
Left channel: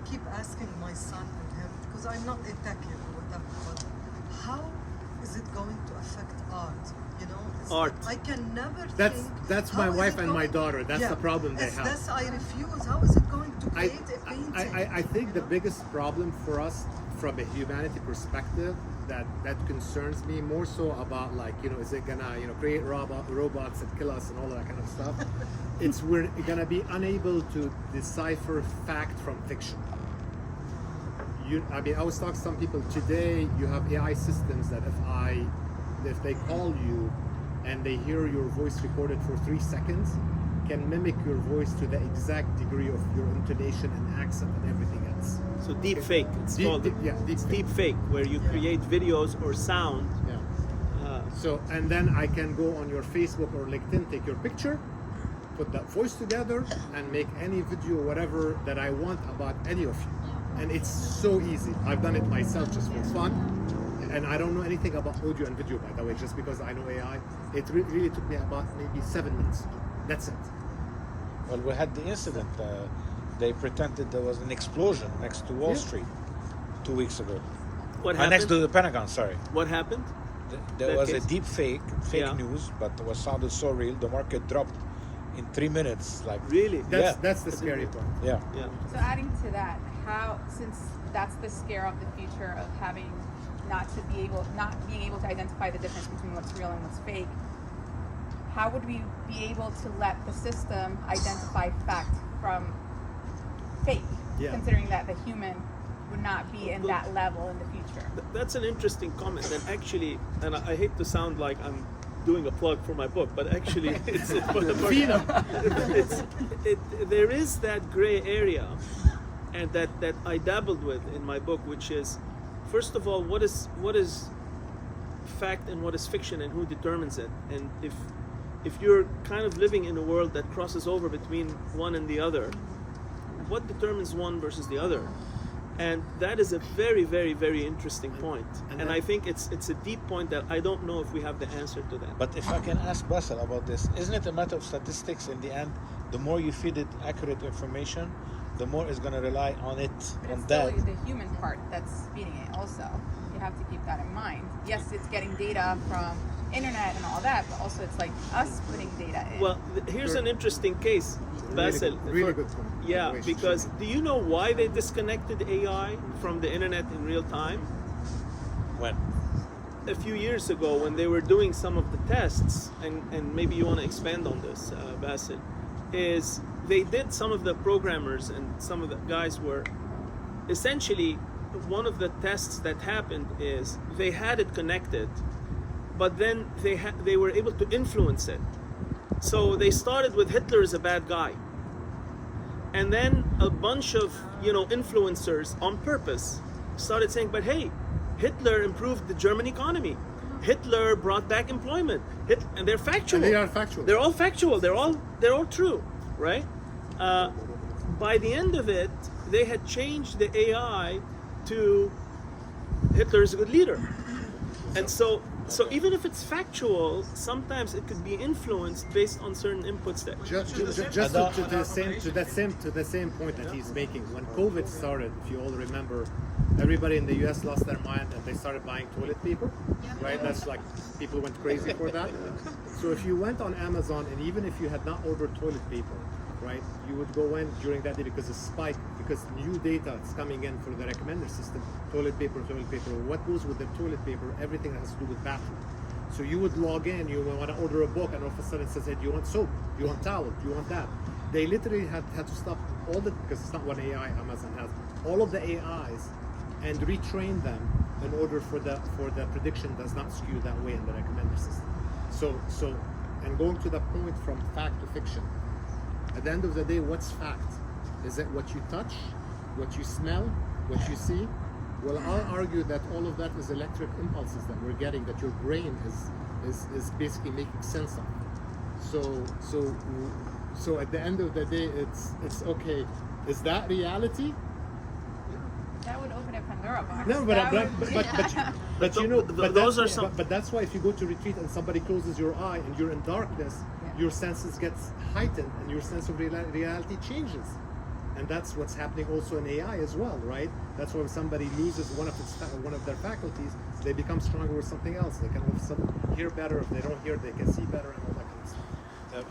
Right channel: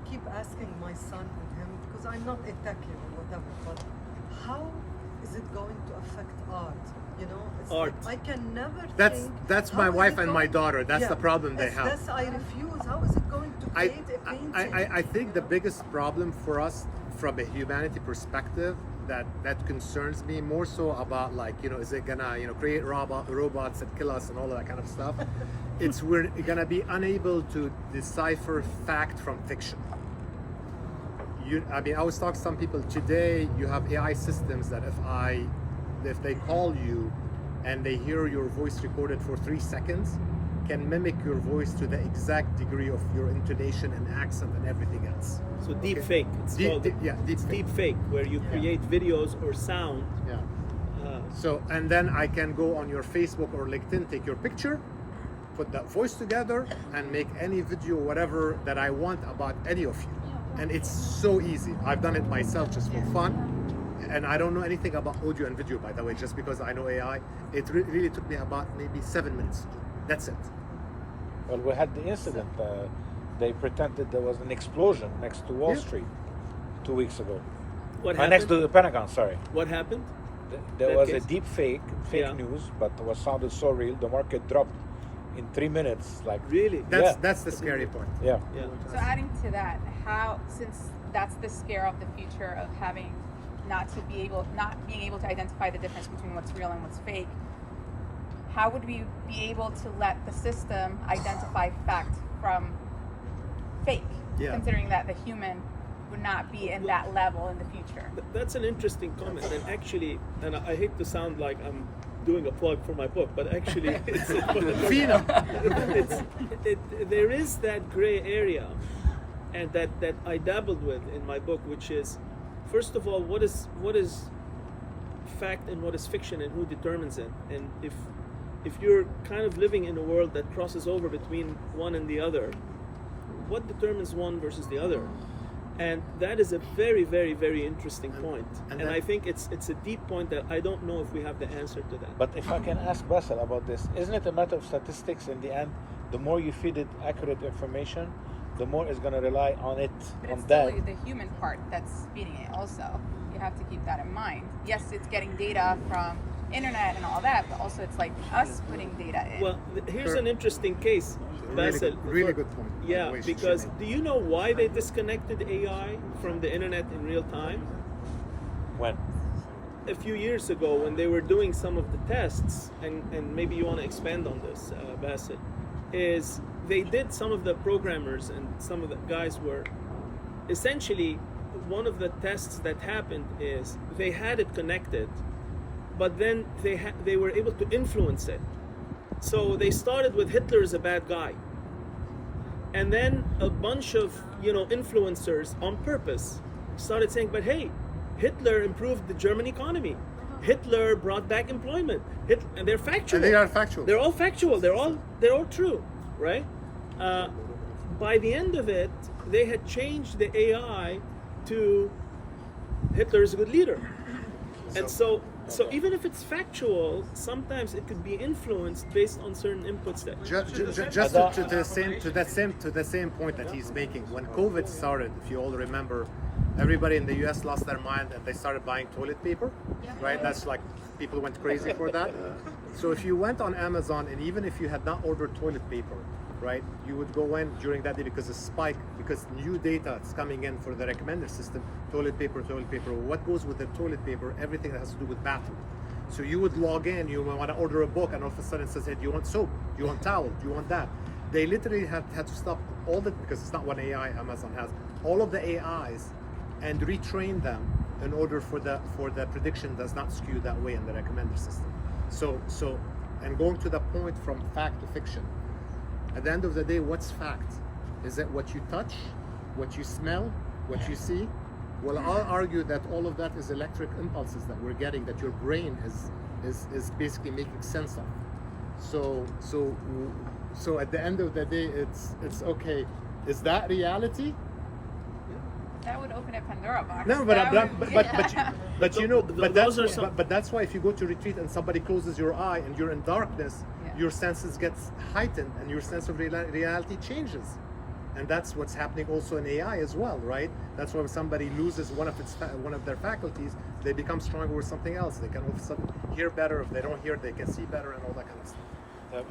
keep asking my son and him, because I'm not a techie or whatever, but how is it going to affect art? You know, it's Art. Like I can never That's think. my how is wife it and my going- daughter. That's Yeah, the problem they have. That's I refuse. How is it going to I, create a painting? I think you the know? biggest problem for us from a humanity perspective that concerns me more so about, like, you know, is it gonna, you know, create robots that kill us and all of that kind of stuff. It's we're gonna be unable to decipher fact from fiction. I mean, I was talking to some people today. You have AI systems that if they call you and they hear your voice recorded for 3 seconds, can mimic your voice to the exact degree of your intonation and accent and everything else. So deepfake. It's called Deepfake. deepfake, where you create videos or sound. Yeah. So, and then I can go on your Facebook or LinkedIn, take your picture, put that voice together, and make any video, whatever that I want about any of you. And it's so easy. I've done it myself just for fun. And I don't know anything about audio and video, by the way, just because I know AI. It really took me about maybe 7 minutes to do. That's it. Well, we had the incident they pretended there was an explosion next to Wall Yeah. Street 2 weeks ago. What Next happened? to the Pentagon, sorry. What happened? There That was case? a deep fake Yeah. news, but it was sounded so real. The market dropped in 3 minutes. Like Really? That's the scary part. yeah. Yeah. So adding to that, since that's the scare of the future of having not being able to identify the difference between what's real and what's fake, how would we be able to let the system identify fact from fake? Yeah. Considering that the human would not be in that level in the future. That's an interesting comment, and actually, and I hate to sound like I'm doing a plug for my book, but actually, there is that gray area, and that I dabbled with in my book, which is, first of all, what is fact and what is fiction, and who determines it, and if you're kind of living in a world that crosses over between one and the other, what determines one versus the other? And that is a very, very, very interesting point. And I think it's a deep point that I don't know if we have the answer to that. But if I can ask Bassel about this, isn't it a matter of statistics in the end? The more you feed it accurate information, the more it's going to rely on it, But on it's that. still the human part that's feeding it also. You have to keep that in mind. Yes, it's getting data from internet and all that, but also it's like us putting data in. Well, here's an interesting case, Bassel. Really good point. by the Yeah, way, because Shireen. do you know why they disconnected AI from the internet in real time? When? A few years ago, when they were doing some of the tests, and maybe you want to expand on this, Bassel, is they did, some of the programmers and some of the guys were essentially, one of the tests that happened is they had it connected, but then they were able to influence it. So they started with Hitler is a bad guy, and then a bunch of influencers on purpose started saying, but hey, Hitler improved the German economy. Hitler brought back employment. And they're factual. And they are factual. They're all factual. They're all true, right? By the end of it, they had changed the AI to Hitler is a good leader. And so even if it's factual, sometimes it could be influenced based on certain inputs that. Just to the same point that he's making. When COVID started, if you all remember, everybody in the US lost their mind and they started buying toilet paper, right? That's like, people went crazy for that. So if you went on Amazon, and even if you had not ordered toilet paper, right, you would go in during that day because a spike, because new data is coming in for the recommender system, toilet paper. What goes with the toilet paper? Everything that has to do with bathroom. So you would log in, you want to order a book, and all of a sudden it says, hey, do you want soap? Do you want towel? Do you want that? They literally had to stop all the, because it's not one AI Amazon has, all of the AIs, and retrain them in order for the prediction does not skew that way in the recommender system. So and going to the point from fact to fiction, at the end of the day, what's fact? Is it what you touch, what you smell, what you see? Well, I'll argue that all of that is electric impulses that we're getting, that your brain is basically making sense of. So at the end of the day, it's okay. Is that reality? That would open a Pandora box. No, but you know, those are some. but that's why if you go to retreat and somebody closes your eye and you're in darkness, your senses get heightened and your sense of reality changes. And that's what's happening also in AI as well, right? That's why when somebody loses one of their faculties, they become stronger with something else. They can all of a sudden hear better. If they don't hear, they can see better, and all that kind of stuff.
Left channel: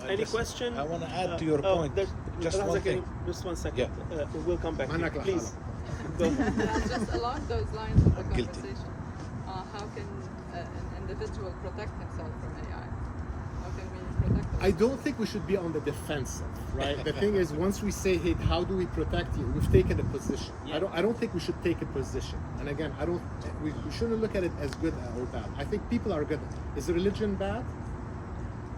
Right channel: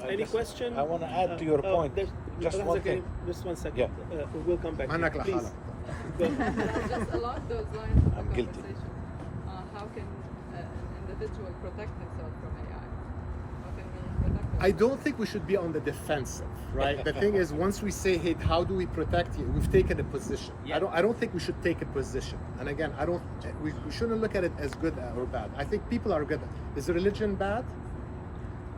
Any question? I want to add to your point. Just one thing. Just 1 second. Yeah. We'll come back. Manak la Please. hala. Go ahead. Just along those lines of the I'm guilty. conversation, how can an individual protect himself from AI? How can we protect himself? I don't think we should be on the defensive, right? The thing is, once we say, "Hey, how do we protect you?" We've taken a position. I don't think we should take a position. And again, we shouldn't look at it as good or bad. I think people are good. Is religion bad?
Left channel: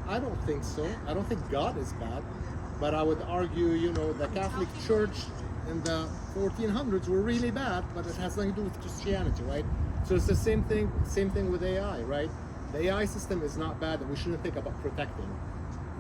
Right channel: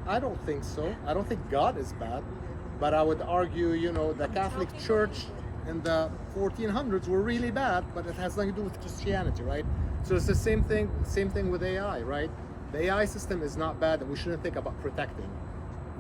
I don't think so. I don't think God is bad, but I would argue, the Catholic Church in the 1400s were really bad, but it has nothing to do with Christianity, right? So it's the same thing with AI, right? The AI system is not bad, and we shouldn't think about protecting.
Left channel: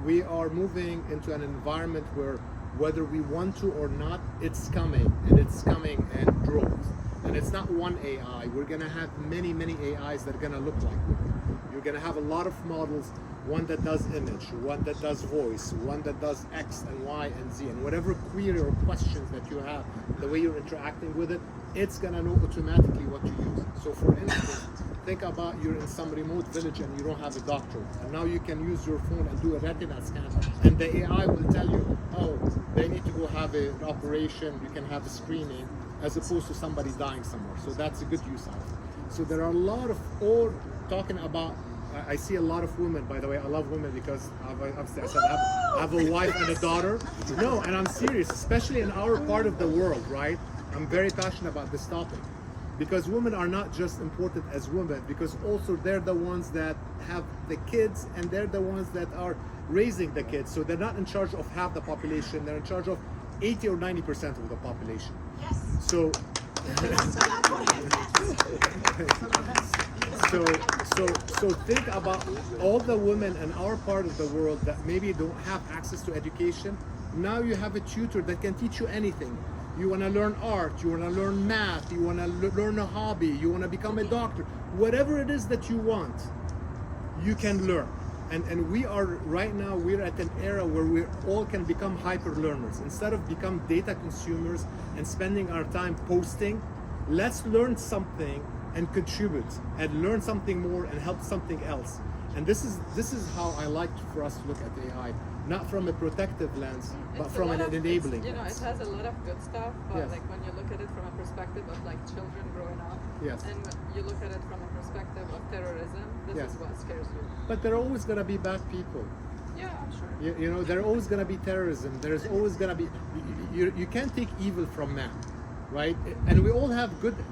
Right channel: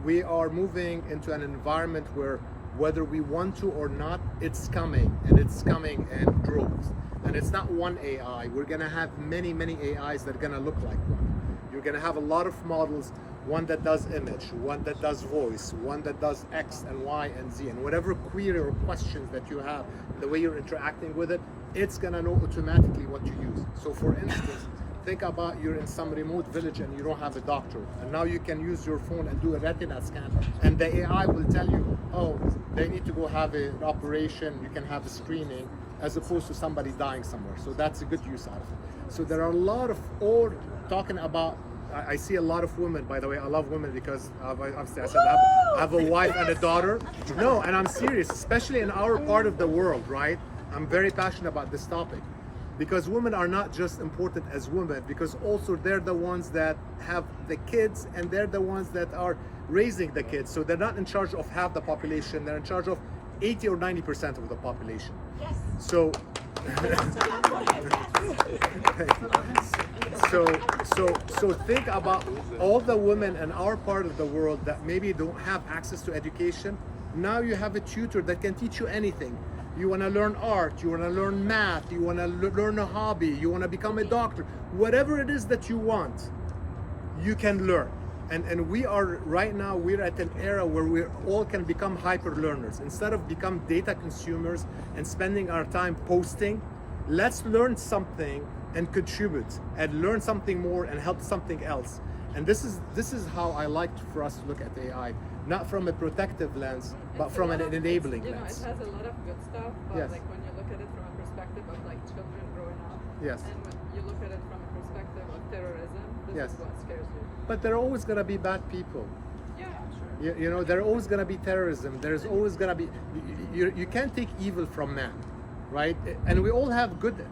We are moving into an environment where, whether we want to or not, it's coming in droves. And it's not one AI. We're gonna have many AIs that are gonna look like one. You're gonna have a lot of models one that does image, one that does voice, one that does X and Y and Z, and whatever query or questions that you have, the way you're interacting with it, it's gonna know automatically what to use. So for instance, think about you're in some remote village and you don't have a doctor, and now you can use your phone and do a retina scan, and the AI will tell you, oh, they need to go have an operation, you can have a screening, as opposed to somebody dying somewhere. So that's a good use out of it. So there are a lot of, or talking about, I see a lot of women, by the way, I love women because obviously I said I have a wife and a daughter. No, and I'm serious, especially in our part of the world, right? I'm very passionate about this topic. Because women are not just important as women, because also they're the ones that have the kids and they're the ones that are raising the kids. So they're not in charge of half the population, they're in charge of 80 or 90% of the population. Yes. So so think about all the women in our part of the world that maybe don't have access to education. Now you have a tutor that can teach you anything. You want to learn art, you want to learn math, you want to learn a hobby, you want to become a doctor, whatever it is that you want, you can learn. And we are right now, we're at an era where we all can become hyper learners. Instead of become data consumers and spending our time posting, let's learn something and contribute and learn something more and help something else. And this is how I like for us to look at AI, not from a protective lens, but from an enabling lens. It has a lot of good stuff, but Yes. like when you look at it from a perspective of like children growing up, Yes. and when you look at it from a perspective of terrorism, this Yes. is what scares you. But there are always going to be bad people. Yeah, sure. You know, there are always going to be terrorism. There's always going to be, you can't take evil from man, right? And we all have good.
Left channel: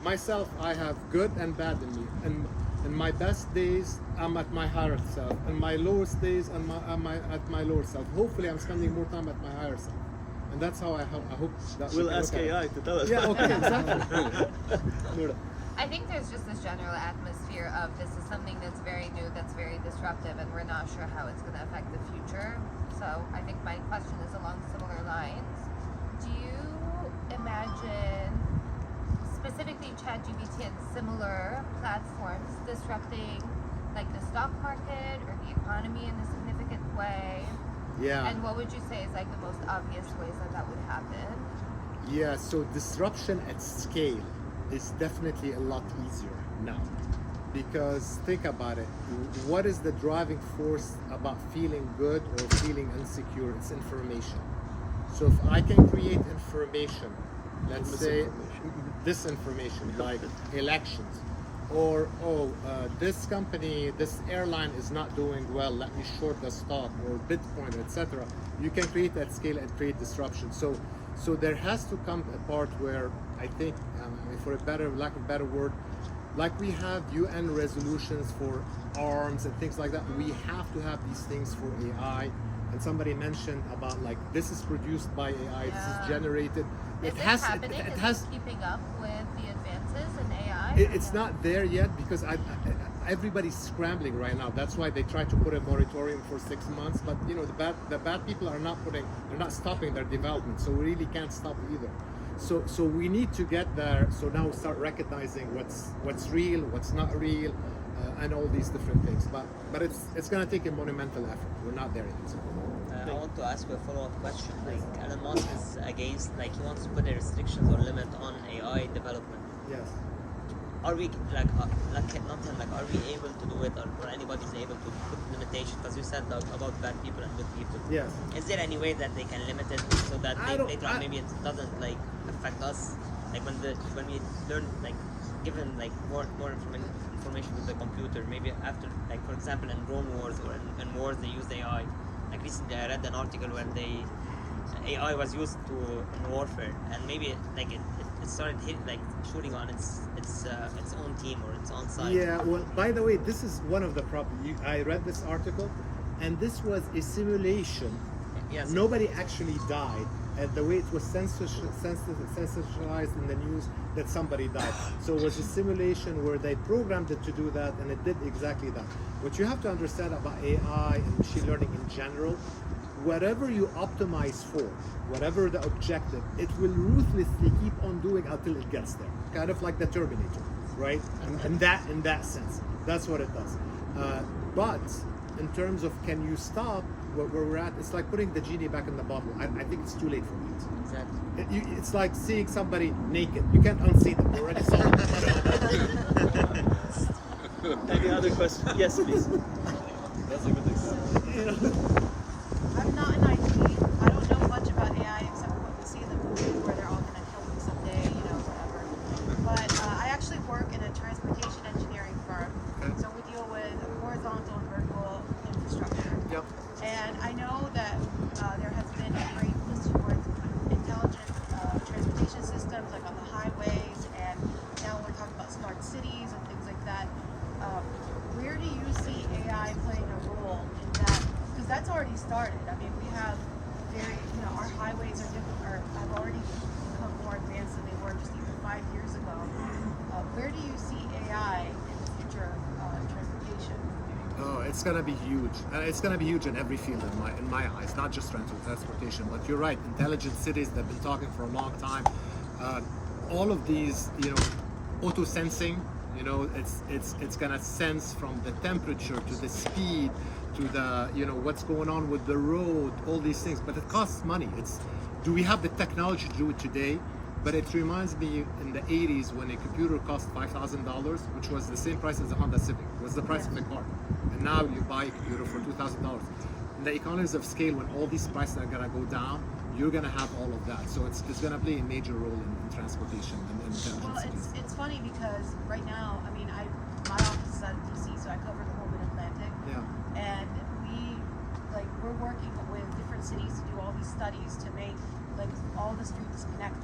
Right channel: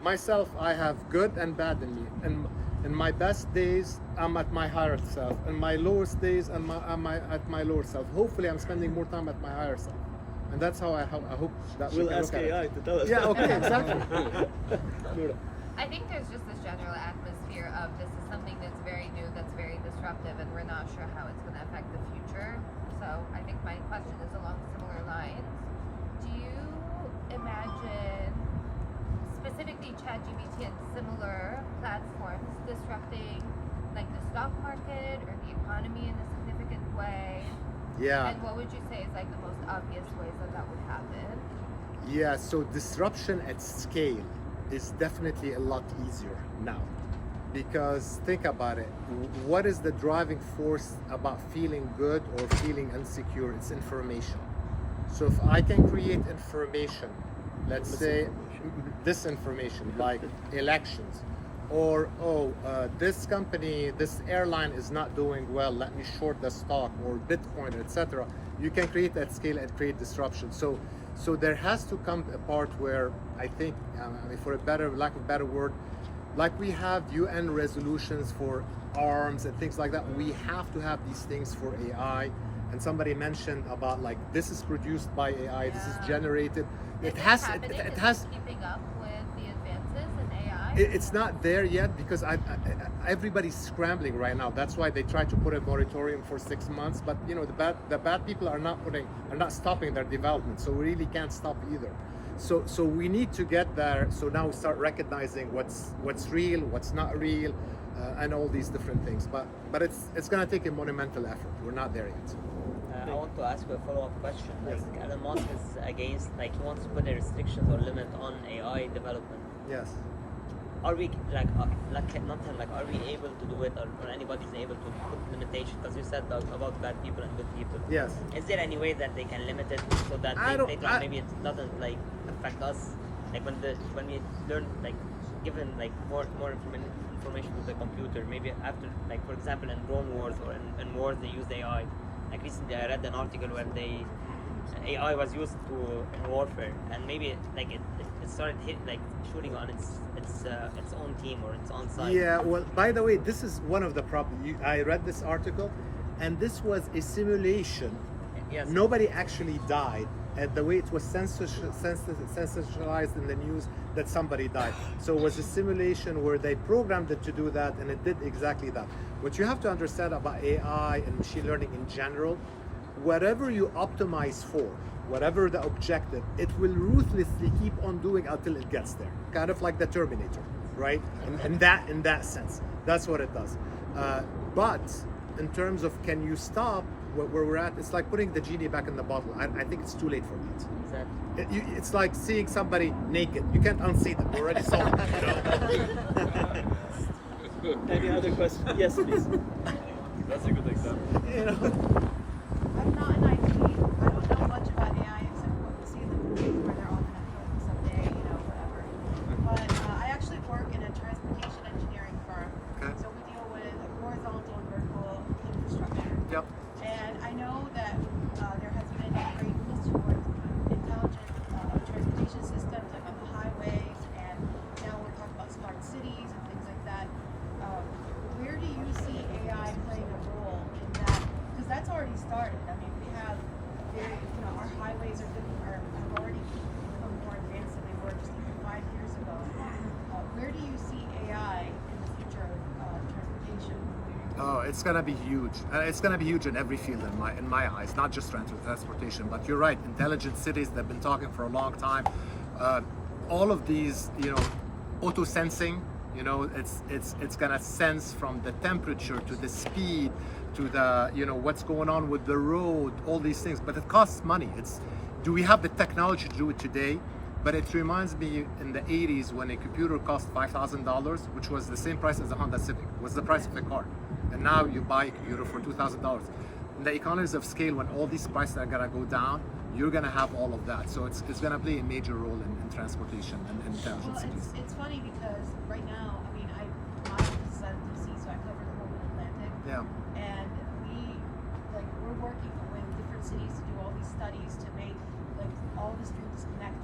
Myself, I have good and bad in me. And in my best days, I'm at my higher self. In my lowest days, I'm at my lower self. Hopefully, I'm spending more time at my higher self. And that's how I hope that We'll we can ask look at AI it. to tell us. Yeah, okay, exactly. Noura. I think there's just this general atmosphere of this is something that's very new, that's very disruptive, and we're not sure how it's going to affect the future. So I think my question is along similar lines. Do you imagine specifically ChatGPT and similar platforms disrupting like the stock market or the economy in a significant way? Yeah. And what would you say is like the most obvious ways that that would happen? Yeah, so disruption at scale is definitely a lot easier now. Because think about it, what is the driving force about feeling good or feeling insecure? It's information. So if I can create information, let's say disinformation, like elections, or this company, this airline is not doing well, let me short the stock, or Bitcoin, etc. You can create that scale and create disruption. So there has to come a part where I think, for a lack of a better word, like we have UN resolutions for arms and things like that, we have to have these things for AI. And somebody mentioned about like, this is produced by AI, this is generated. It has keeping up with the advances in AI. It's not there yet because everybody's scrambling right now. That's why they try to put a moratorium for 6 months. But you know, the bad people are not stopping their development. So we really can't stop either. So we need to get there. So now we start recognizing what's real, what's not real, and all these different things. But it's gonna take a monumental effort. We're not there yet. I want to ask you a follow-up question. Like Elon Musk is against, like he wants to put a restrictions or limit on AI development. Yes. Are we are we able to do it, or anybody's able to put limitations? Because you said about bad people and good people. Yes. Is there any way that they can limit it so that maybe it doesn't like affect us? Like when we learn, like given like more information to the computer, maybe after, like for example in drone wars or in wars they use AI. Like recently I read an article where AI was used in warfare, and maybe like it started shooting on its own team or its own side. Yeah, well, by the way, this is one of the problems. I read this article, and this was a simulation. Yes. Nobody actually died, and the way it was sensationalized in the news that somebody died. So it was a simulation where they programmed it to do that, and it did exactly that. What you have to understand about AI and machine learning in general, whatever you optimize for, whatever the objective, it will ruthlessly keep on doing until it gets there. Kind of like the Terminator, right? In that sense, that's what it does. But in terms of can you stop where we're at, it's like putting the genie back in the bottle. I think it's too late for that. Exactly. It's like seeing somebody naked. You can't unsee them. You already saw them. Any other questions? Yes, please. That's a good example. You know? I'm not in IT. I don't know much about AI except what we see in the movies where they're all going to kill them someday, whatever. But I actually work in a transportation engineering firm. Okay. So we deal with horizontal and vertical infrastructure. Yep. And I know that there has been a great push towards intelligent transportation systems, like on the highways, and now we're talking about smart cities and things like that. Where do you see AI playing a role in that? Because that's already started. I mean, we have a very, our highways are different, or have already become more advanced than they were just even 5 years ago. Where do you see AI in the future of transportation? Oh, it's gonna be huge. It's gonna be huge in every field in my eyes, not just transportation. But you're right. Intelligent cities. They've been talking for a long time. All of these, auto sensing. It's gonna sense from the temperature to the speed to the what's going on with the road, all these things. But it costs money. Do we have the technology to do it today? But it reminds me in the 80s when a computer cost $5,000, which was the same price as a Honda Civic, was the price of a car. And now you buy a computer for $2,000. In the economies of scale, when all these prices are gonna go down, you're gonna have all of that. So it's gonna play a major role in transportation and intelligent cities. It's funny because right now, I mean, my office is out of DC, so I cover the whole Mid-Atlantic. Yeah. And we're working with different cities to do all these studies to make all the streets connected.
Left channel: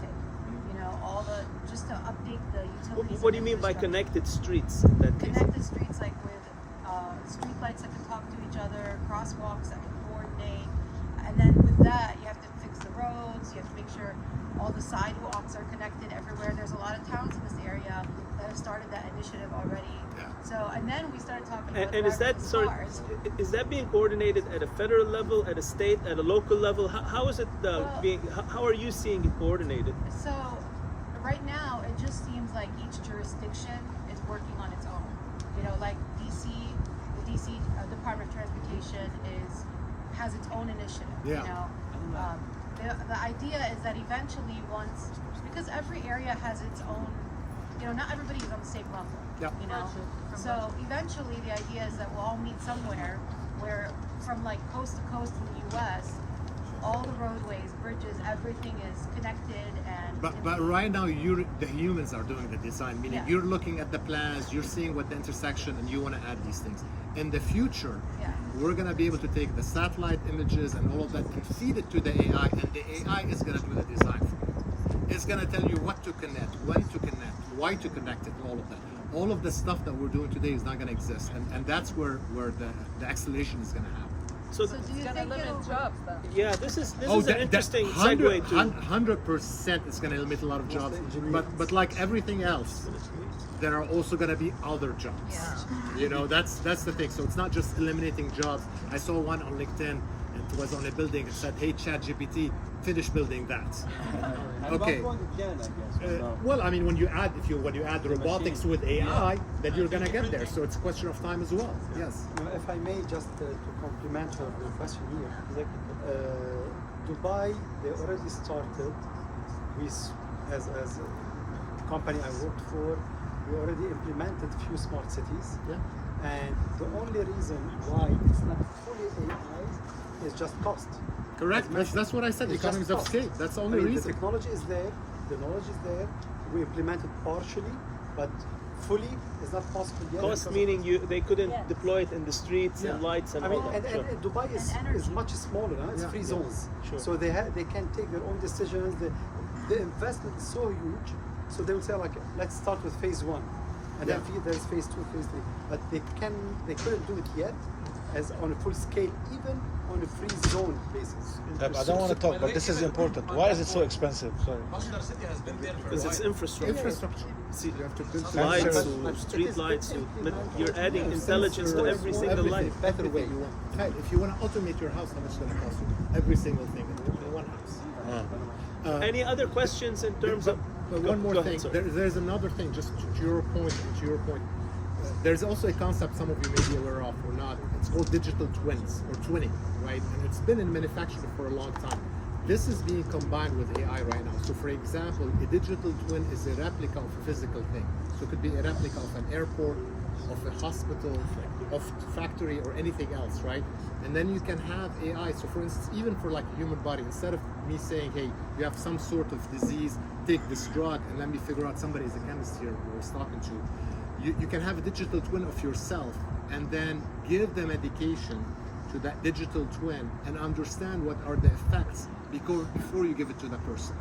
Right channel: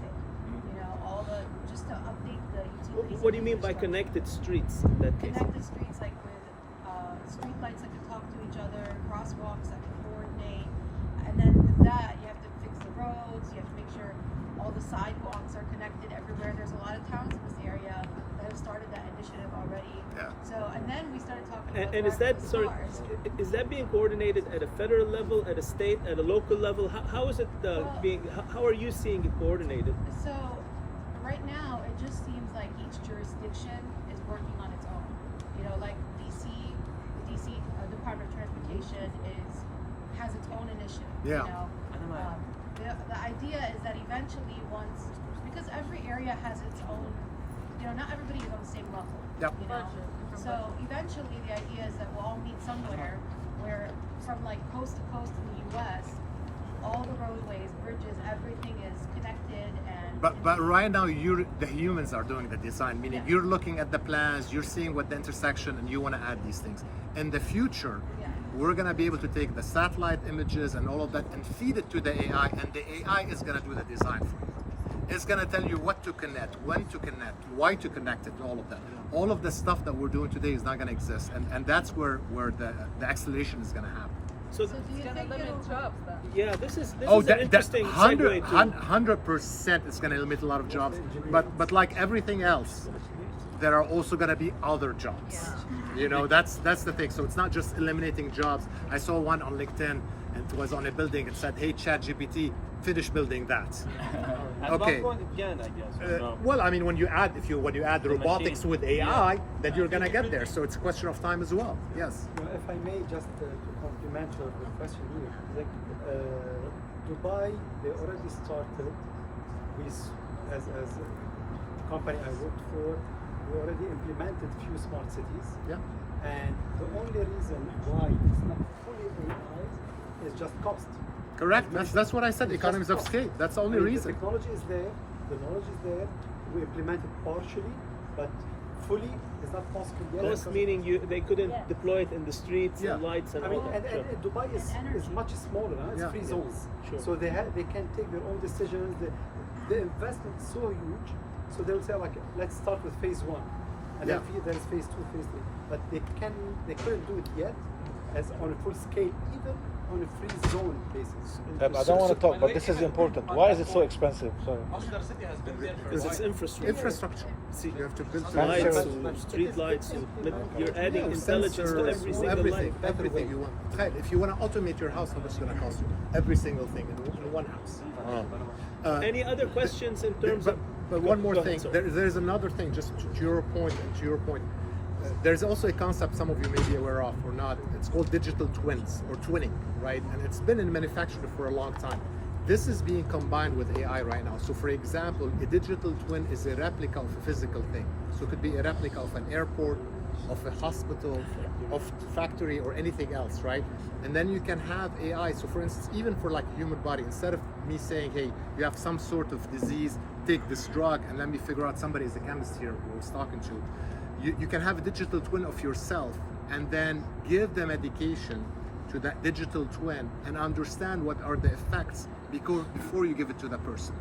Just to update the utilities. What do you mean by connected streets? In that case? Connected streets, like with street lights that can talk to each other, crosswalks that can coordinate, and then with that, you have to fix the roads. You have to make sure all the sidewalks are connected everywhere. There's a lot of towns in this area that have started that initiative already. Yeah. So, and then we started talking about And is that cars. is that being coordinated at a federal level, at a state, at a local level? How is it being? How are you seeing it coordinated? So, right now, it just seems like each jurisdiction is working on its own. Like DC, the DC Department of Transportation has its own initiative. Yeah. The idea is that eventually because every area has its own, not everybody is on the same level. Yep. So eventually the idea is that we'll all meet somewhere where from coast to coast in the US, all the roadways, bridges, everything is connected and But right now, the humans are doing the design, meaning you're looking at the plans, you're seeing what the intersection, and you want to add these things. In the future, we're going to be able to take the satellite images and all of that and feed it to the AI, and the AI is going to do the design for you. It's going to tell you what to connect, when to connect, why to connect it, and all of that. All of the stuff that we're doing today is not going to exist, and that's where the acceleration is going to happen. So do you think it'll jobs? Yeah, this is an interesting segue to 100% it's going to eliminate a lot of jobs, but like everything else, there are also going to be other jobs. That's the thing. So it's not just eliminating jobs. I saw one on LinkedIn, and it was on a building. It said, "Hey, ChatGPT, finish building that." Okay. Well, I mean, when you add robotics with AI, then you're going to get there. So it's a question of time as well. Yes. If I may just compliment the question here, Dubai, they already started with, as a company I worked for, we already implemented few smart cities. Yeah. And the only reason why it's not fully AI is just cost. Correct. That's what I said. Economies of scale. That's the only reason. The technology is there. The knowledge is there. We implemented partially, but fully is not possible yet. Cost meaning they couldn't deploy it in the streets and lights and all that. And Dubai is much smaller. It's free zones, so they can take their own decisions. The investment is so huge, so they will say let's start with phase 1, and then there's phase 2, phase 3. But they couldn't do it yet as on a full scale, even on a free zone basis. I don't want to talk, but this is important. Why is it so expensive? Muscular City has been there for a Because while. it's infrastructure. See, you have to build lights, street lights, but you're adding intelligence to every single light. Everything you want. If you want to automate your house, how much is it going to cost you? Every single thing in one house. Any other questions in terms of? But one more Go ahead, thing. There's another thing. Just to your point and to your point. there's also a concept some of you may be aware of or not. It's called digital twins or twinning, right? And it's been in manufacturing for a long time. This is being combined with AI right now. So for example, a digital twin is a replica of a physical thing. So it could be a replica of an airport, of a hospital, of factory, or anything else, right? And then you can have AI. So for instance, even for like human body, instead of me saying, hey, you have some sort of disease, take this drug, and let me figure out somebody is a chemist here who I was talking to, you can have a digital twin of yourself and then give the medication to that digital twin and understand what are the effects before you give it to the person.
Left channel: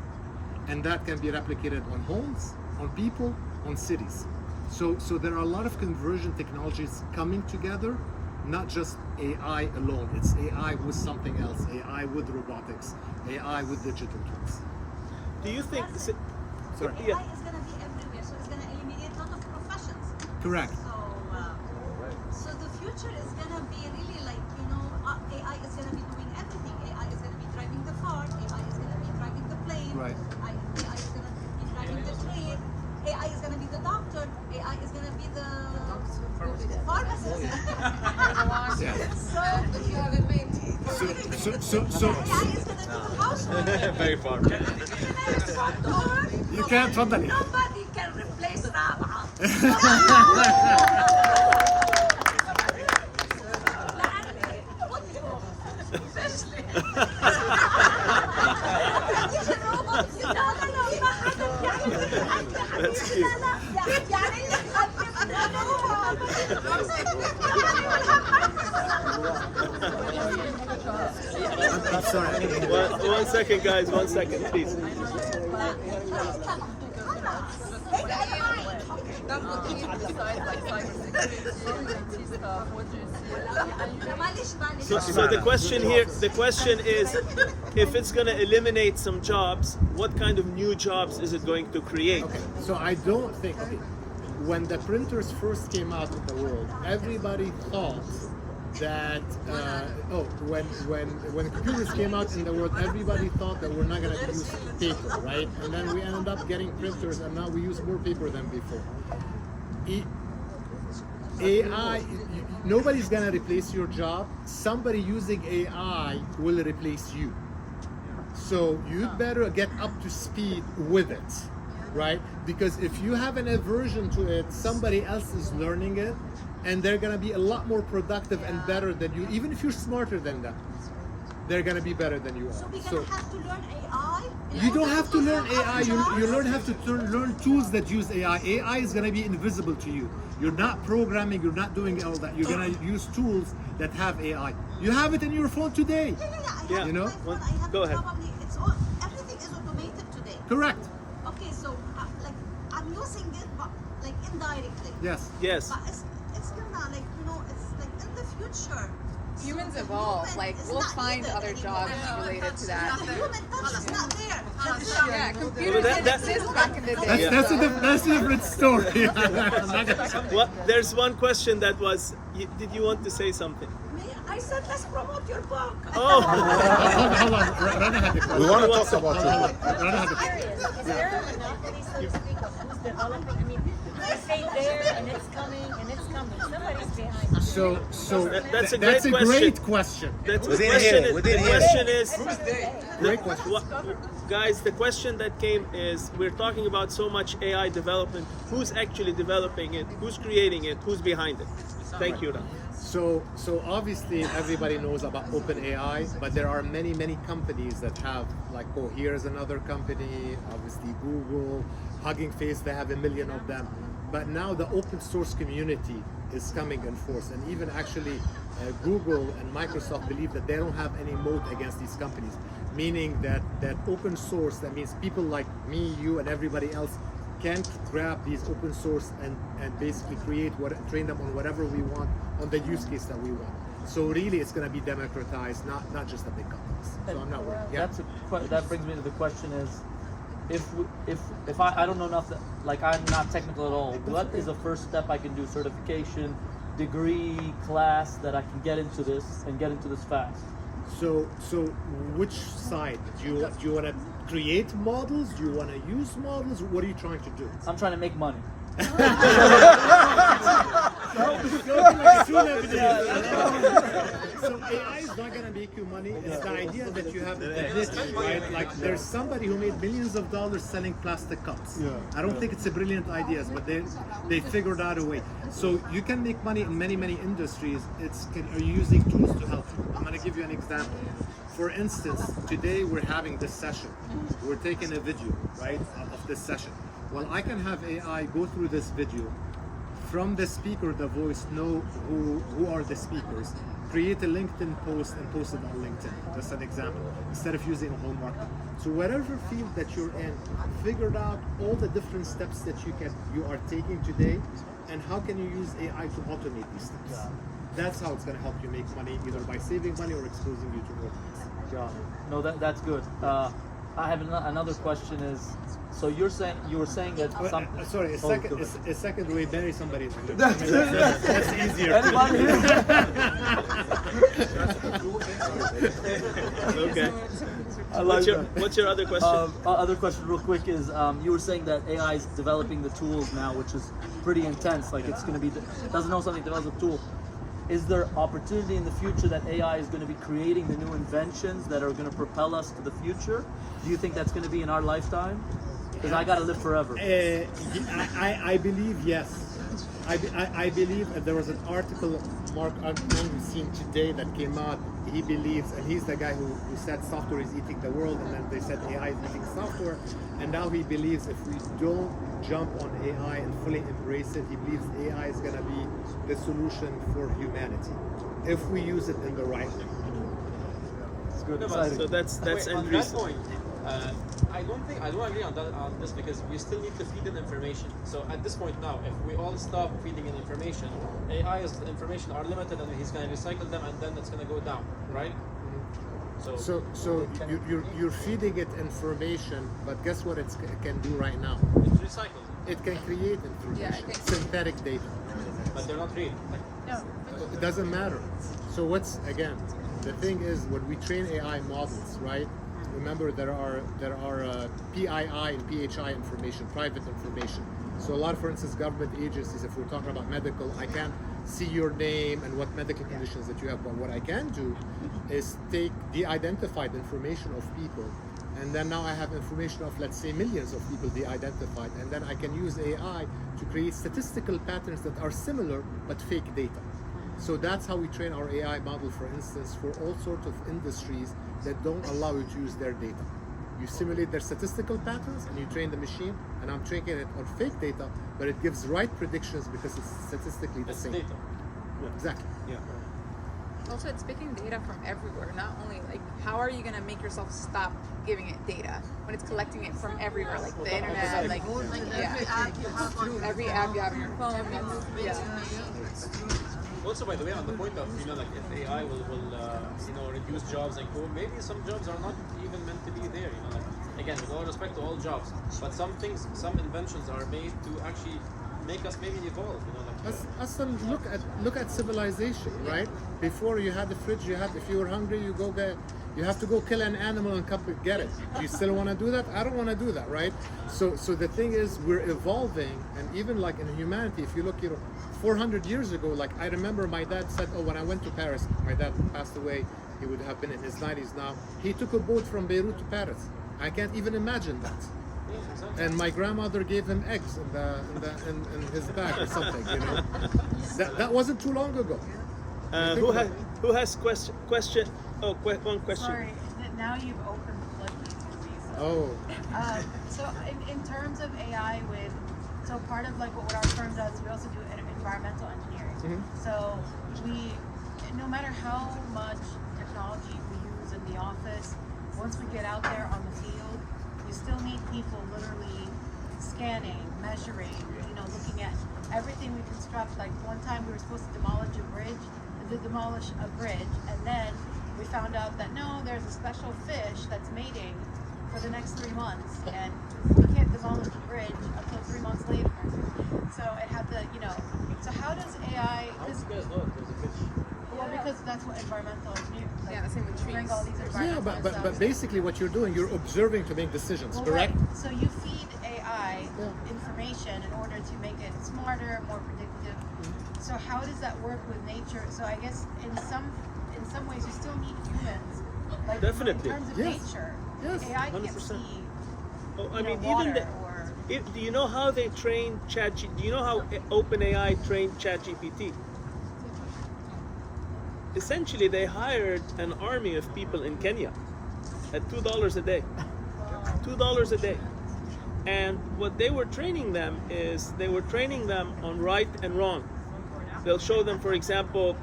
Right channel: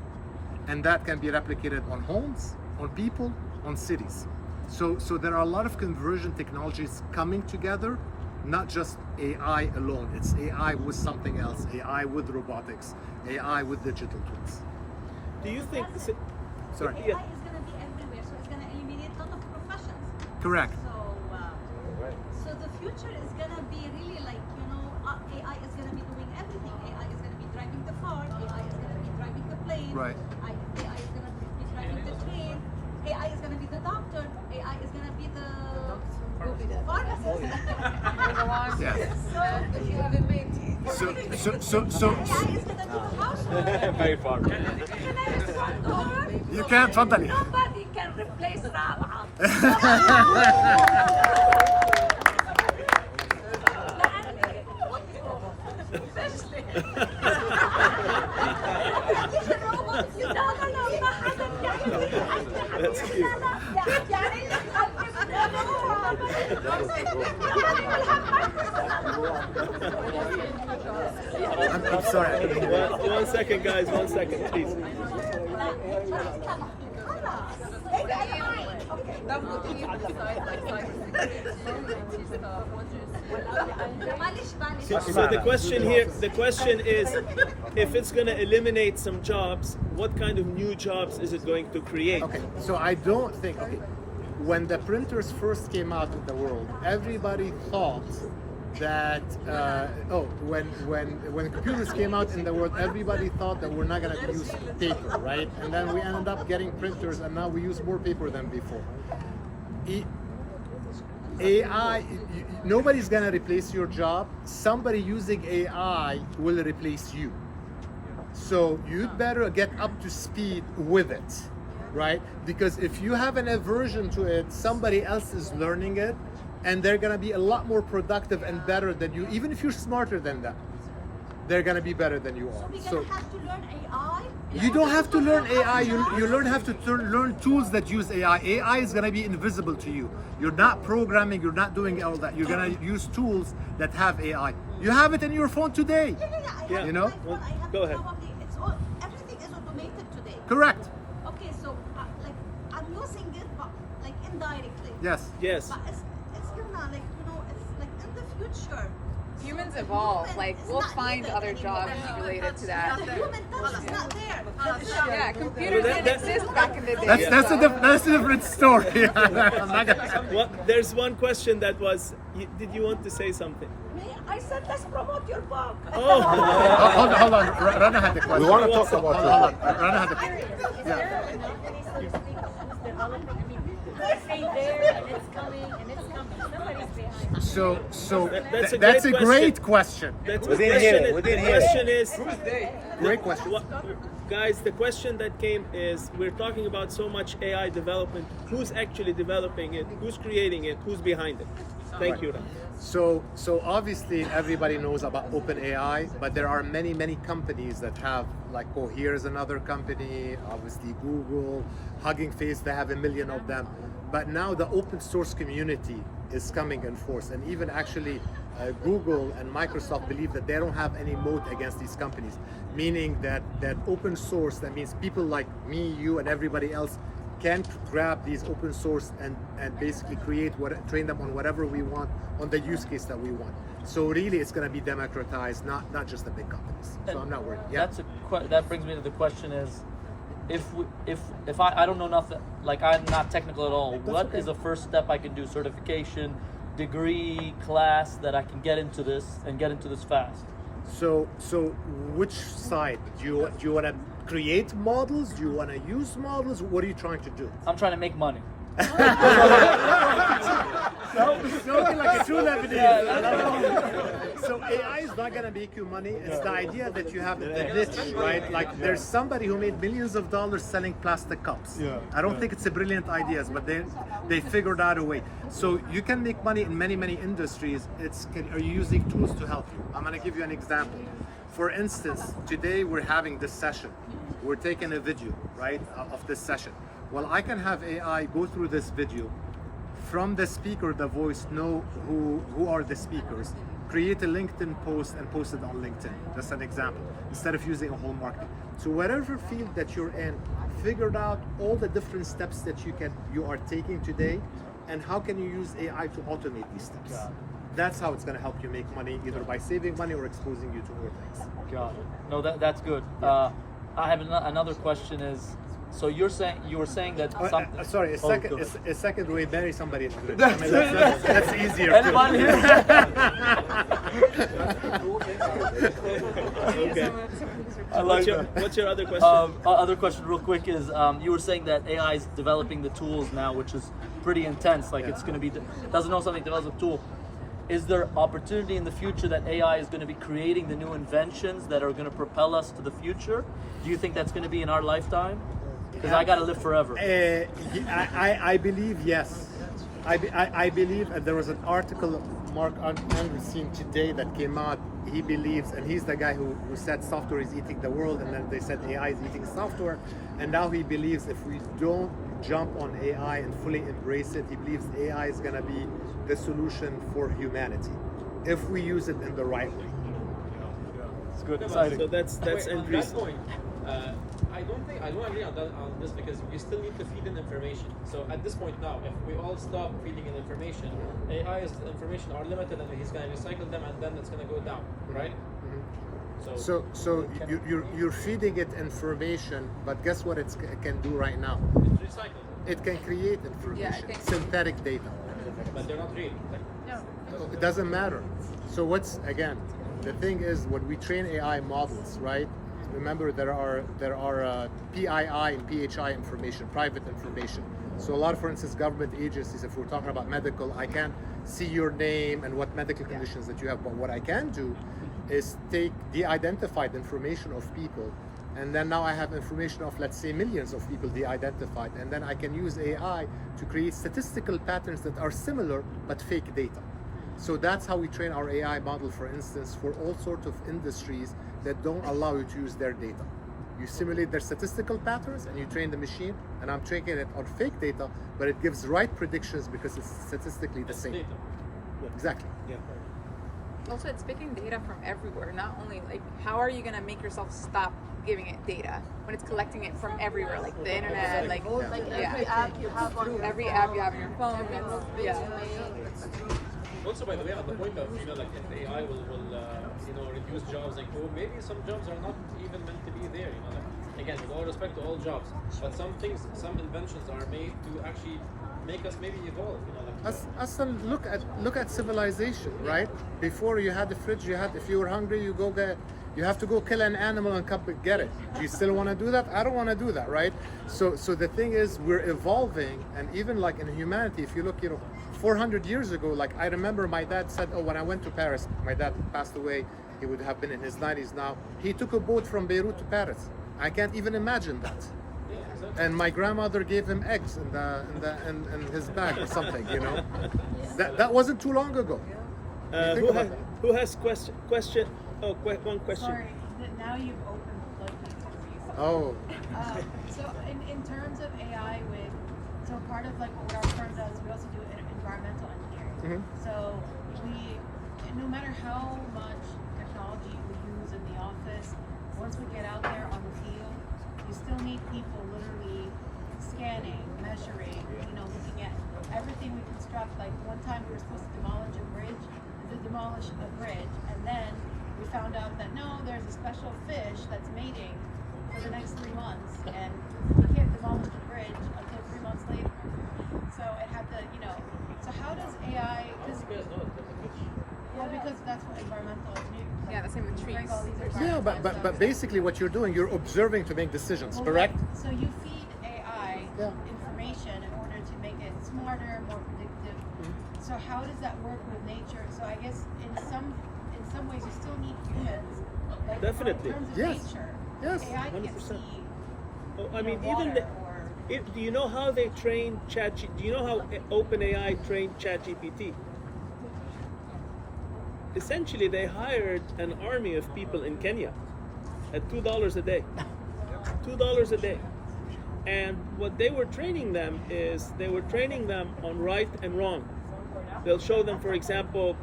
And that can be replicated on homes, on people, on cities. So there are a lot of conversion technologies coming together, not just AI alone. It's AI with something else, AI with robotics, AI with digital twins. Do you think? Sorry. AI is going to be everywhere, so it's going to eliminate a lot of professions. Correct. So the future is going to be really like, AI is going to be doing everything. AI is going to be driving the car. AI is going to be driving the plane. Right. AI is going to be driving the train. AI is going to be the doctor. AI is going to be the pharmacist. Yeah. So AI is going to be the household. Very far. Can I respond to her? You can't, تفضلي. Nobody can replace Rabaa. I'm sorry. One second, guys. 1 second, please. So the question is, if it's going to eliminate some jobs, what kind of new jobs is it going to create? Okay, so I don't think, when the printers first came out in the world, everybody thought that, when computers came out in the world, everybody thought that we're not going to use paper, right? And then we ended up getting printers, and now we use more paper than before. AI, nobody's going to replace your job. Somebody using AI will replace you. So you better get up to speed with it, right? Because if you have an aversion to it, somebody else is learning it, and they're gonna be a lot more productive and better than you. Even if you're smarter than them, they're gonna be better than you are. So we're gonna have to learn AI? You don't have to learn AI. You have to learn tools that use AI. AI is gonna be invisible to you. You're not programming. You're not doing all that. You're gonna use tools that have AI. You have it in your phone today. Yeah. You know? Go ahead. Everything is automated today. Correct. Okay, so I'm using it, but like indirectly. Yes. But it's gonna it's like in the future. Humans evolve. Like we'll find other jobs related to that. The human touch is not there. Yeah, computers didn't exist back in the day. That's a different story. There's one question that was, did you want to say something? I said let's promote your book. Oh. Hold on. Rana had the question. We want to talk about it. Hold on. Rana had the question. So that's a great question. The question is, great question. Guys, the question that came is, we're talking about so much AI development. Who's actually developing it? Who's creating it? Who's behind it? Thank you. So obviously everybody knows about OpenAI, but there are many companies that have, like Cohere is another company, obviously Google, Hugging Face, they have 1 million of them. But now the open source community is coming in force, and even actually Google and Microsoft believe that they don't have any moat against these companies, meaning that open source, that means people like me, you, and everybody else can grab these open source and basically train them on whatever we want, on the use case that we want. So really it's going to be democratized, not just the big companies. So I'm not worried. Yeah. That brings me to the question is, if I don't know nothing, like I'm not technical at all, what is the first step I can do? Certification, degree, class that I can get into this and get into this fast? So which side? Do you want to create models? Do you want to use models? What are you trying to do? I'm trying to make money. Spoken like a true Lebanese. I love it. So AI is not gonna make you money. It's the idea that you have a niche, right? Like there's somebody who made millions of dollars selling plastic cups. I don't think it's a brilliant idea, but they figured out a way. So you can make money in many industries. Are you using tools to help you? I'm gonna give you an example. For instance, today we're having this session. We're taking a video, right, of this session. Well, I can have AI go through this video, from the speaker, the voice, know who are the speakers, create a LinkedIn post and post it on LinkedIn. Just an example, instead of using a whole marketing. So whatever field that you're in, figured out all the different steps that you are taking today, and how can you use AI to automate these steps. That's how it's going to help you make money, either by saving money or exposing you to more things. No, that's good. I have another question. Is so you were saying that? Sorry, a second way marry somebody in English. I mean that's easier. Anyone here? Okay. What's your other question? Other question, real quick, is you were saying that AI is developing the tools now, which is pretty intense. Like it's going to be doesn't know something, develops a tool. Is there opportunity in the future that AI is going to be creating the new inventions that are going to propel us to the future? Do you think that's going to be in our lifetime? Because I got to live forever. I believe yes. I believe there was an article Mark Andreessen today that came out. He believes, and he's the guy who said software is eating the world, and then they said AI is eating software, and now he believes if we don't jump on AI and fully embrace it, he believes AI is going to be the solution for humanity if we use it in the right way. It's good. So that's on end that reason. point. I don't agree on this because we still need to feed in information. So at this point now, if we all stop feeding in information, AI's information are limited and he's going to recycle them and then it's going to go down, right? So you're feeding it information, but guess what it can do right now? It's recycled. It can create information, synthetic data. But they're not real. It doesn't matter. So the thing is when we train AI models, right? Remember there are PII and PHI information, private information. So a lot of, for instance, government agencies, if we're talking about medical, I can't see your name and what medical conditions that you have, but what I can do is take de-identified information of people, and then now I have information of, let's say, millions of people de-identified, and then I can use AI to create statistical patterns that are similar but fake data. So that's how we train our AI model, for instance, for all sorts of industries that don't allow you to use their data. You simulate their statistical patterns and you train the machine, and I'm training it on fake data, but it gives right predictions because it's statistically the same. Data. Yeah. Exactly. Yeah. Also, it's picking data from everywhere. Not only like, how are you gonna make yourself stop giving it data when it's collecting it from everywhere, like the internet, like every app you have on your every app you have on your phone. It's true. Also, by the way, on the point of like if AI will reduce jobs and co, maybe some jobs are not even meant to be there. Like again, with all respect to all jobs, but some inventions are made to actually make us maybe evolve. Aslan, look at civilization, right? Before you had the fridge, if you were hungry, you have to go kill an animal and come get it. Do you still want to do that? I don't want to do that, right? So the thing is, we're evolving, and even like in humanity, if you look, 400 years ago, like I remember my dad said, when I went to Paris, my dad passed away, he would have been in his 90s now, he took a boat from Beirut to Paris. I can't even imagine that. And my grandmother gave him eggs in his bag or something, That wasn't too long ago. Who has question? Oh, one question. Sorry, now you've opened the floodgates. Oh. So in terms of AI, so part of like what our firm does, we also do environmental engineering. So no matter how much technology we use in the office, once we get out there on the field, you still need people literally scanning, measuring, looking at everything we construct. Like one time we were supposed to demolish a bridge, and then we found out that no, there's a special fish that's mating for the next 3 months, and you can't demolish the bridge until 3 months later. So it had to, so how does AI? How do you guys know there's a fish? Well, because that's what environmental engineering. Yeah, the same with trees. All these Yeah, but basically what you're doing, you're observing to make decisions, correct? So you feed AI information in order to make it smarter, more predictive. So how I guess in some ways you still need humans. Like Definitely. in terms of Yes. nature. Yes, AI 100%. can't see. Oh, I you know, mean, even water the, or do you know how they train do you know how OpenAI trained ChatGPT? Essentially, they hired an army of people in Kenya at $2 a day. $2 a day. And what they were training them is they were training them on right and wrong. They'll show them, for example,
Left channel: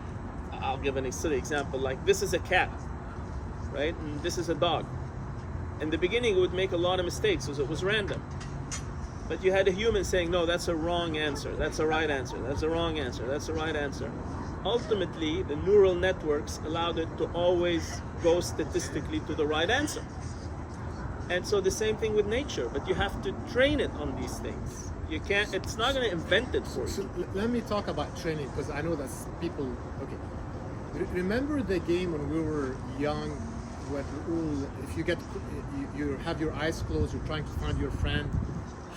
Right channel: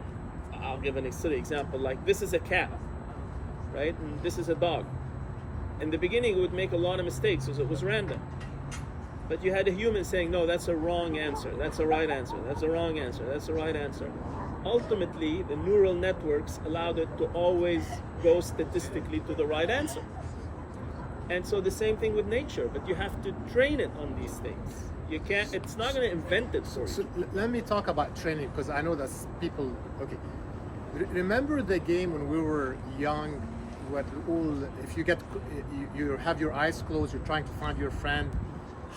I'll give a silly example, like this is a cat, right? And this is a dog. In the beginning, it would make a lot of mistakes because it was random. But you had a human saying, no, that's a wrong answer, that's a right answer, that's a wrong answer, that's a right answer. Ultimately, the neural networks allowed it to always go statistically to the right answer. And so the same thing with nature, but you have to train it on these things. You can't, it's not going to invent it for you. So let me talk about training, because I know that people, okay. Remember the game when we were young, what all, if you get, you have your eyes closed, you're trying to find your friend,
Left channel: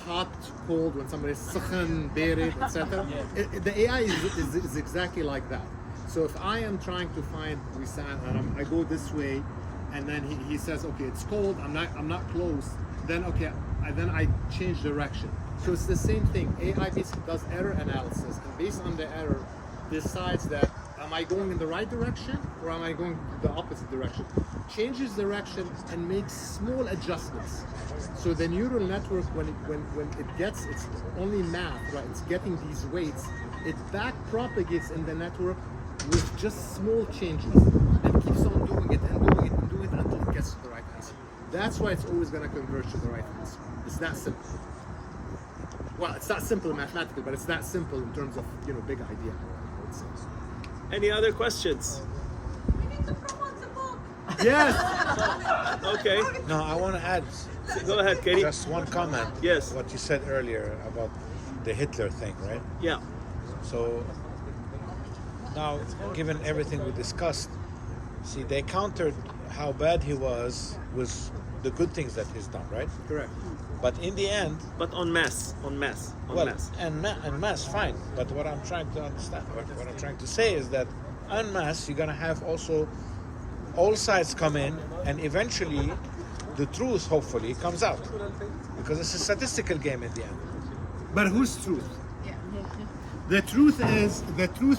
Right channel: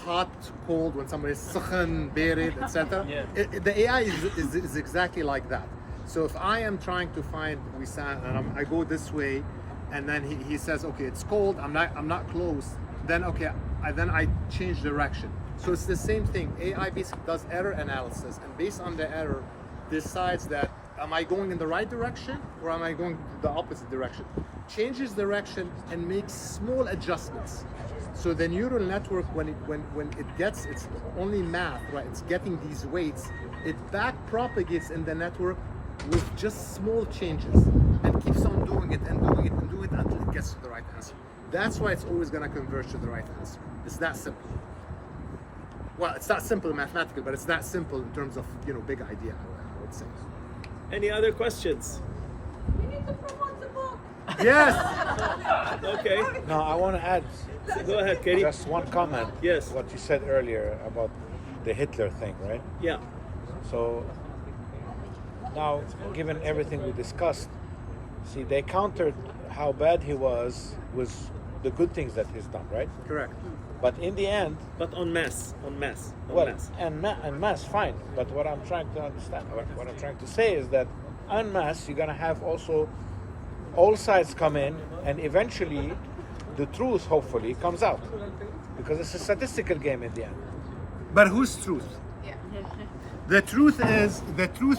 hot, cold, when somebody's sakhan, barid, etc. The AI is exactly like that. So if I am trying to find Wissam and I go this way, and then he says, okay, it's cold, I'm not close, then okay, then I change direction. So it's the same thing. AI basically does error analysis, and based on the error, decides that am I going in the right direction or am I going the opposite direction? Changes direction and makes small adjustments. So the neural network, when it gets, it's only math, right? It's getting these weights, it back propagates in the network with just small changes and keeps on doing it and doing it and doing it until it gets to the right answer. That's why it's always going to converge to the right answer. It's that simple. Well, it's not simple mathematically, but it's that simple in terms of, big idea, I would say. Any other questions? We need to promote the book. Yes. Okay. No, I want to add. Go ahead, Katie. Just one comment. Yes. What you said earlier about the Hitler thing, right? Yeah. So now, given everything we discussed, see, they countered how bad he was with the good things that he's done, right? Correct. But in the end, but en masse. En masse, fine. But what I'm trying to understand, what I'm trying to say is that en masse, you're gonna have also all sides come in, and eventually, the truth hopefully comes out, because it's a statistical game in the end. But whose truth? The truth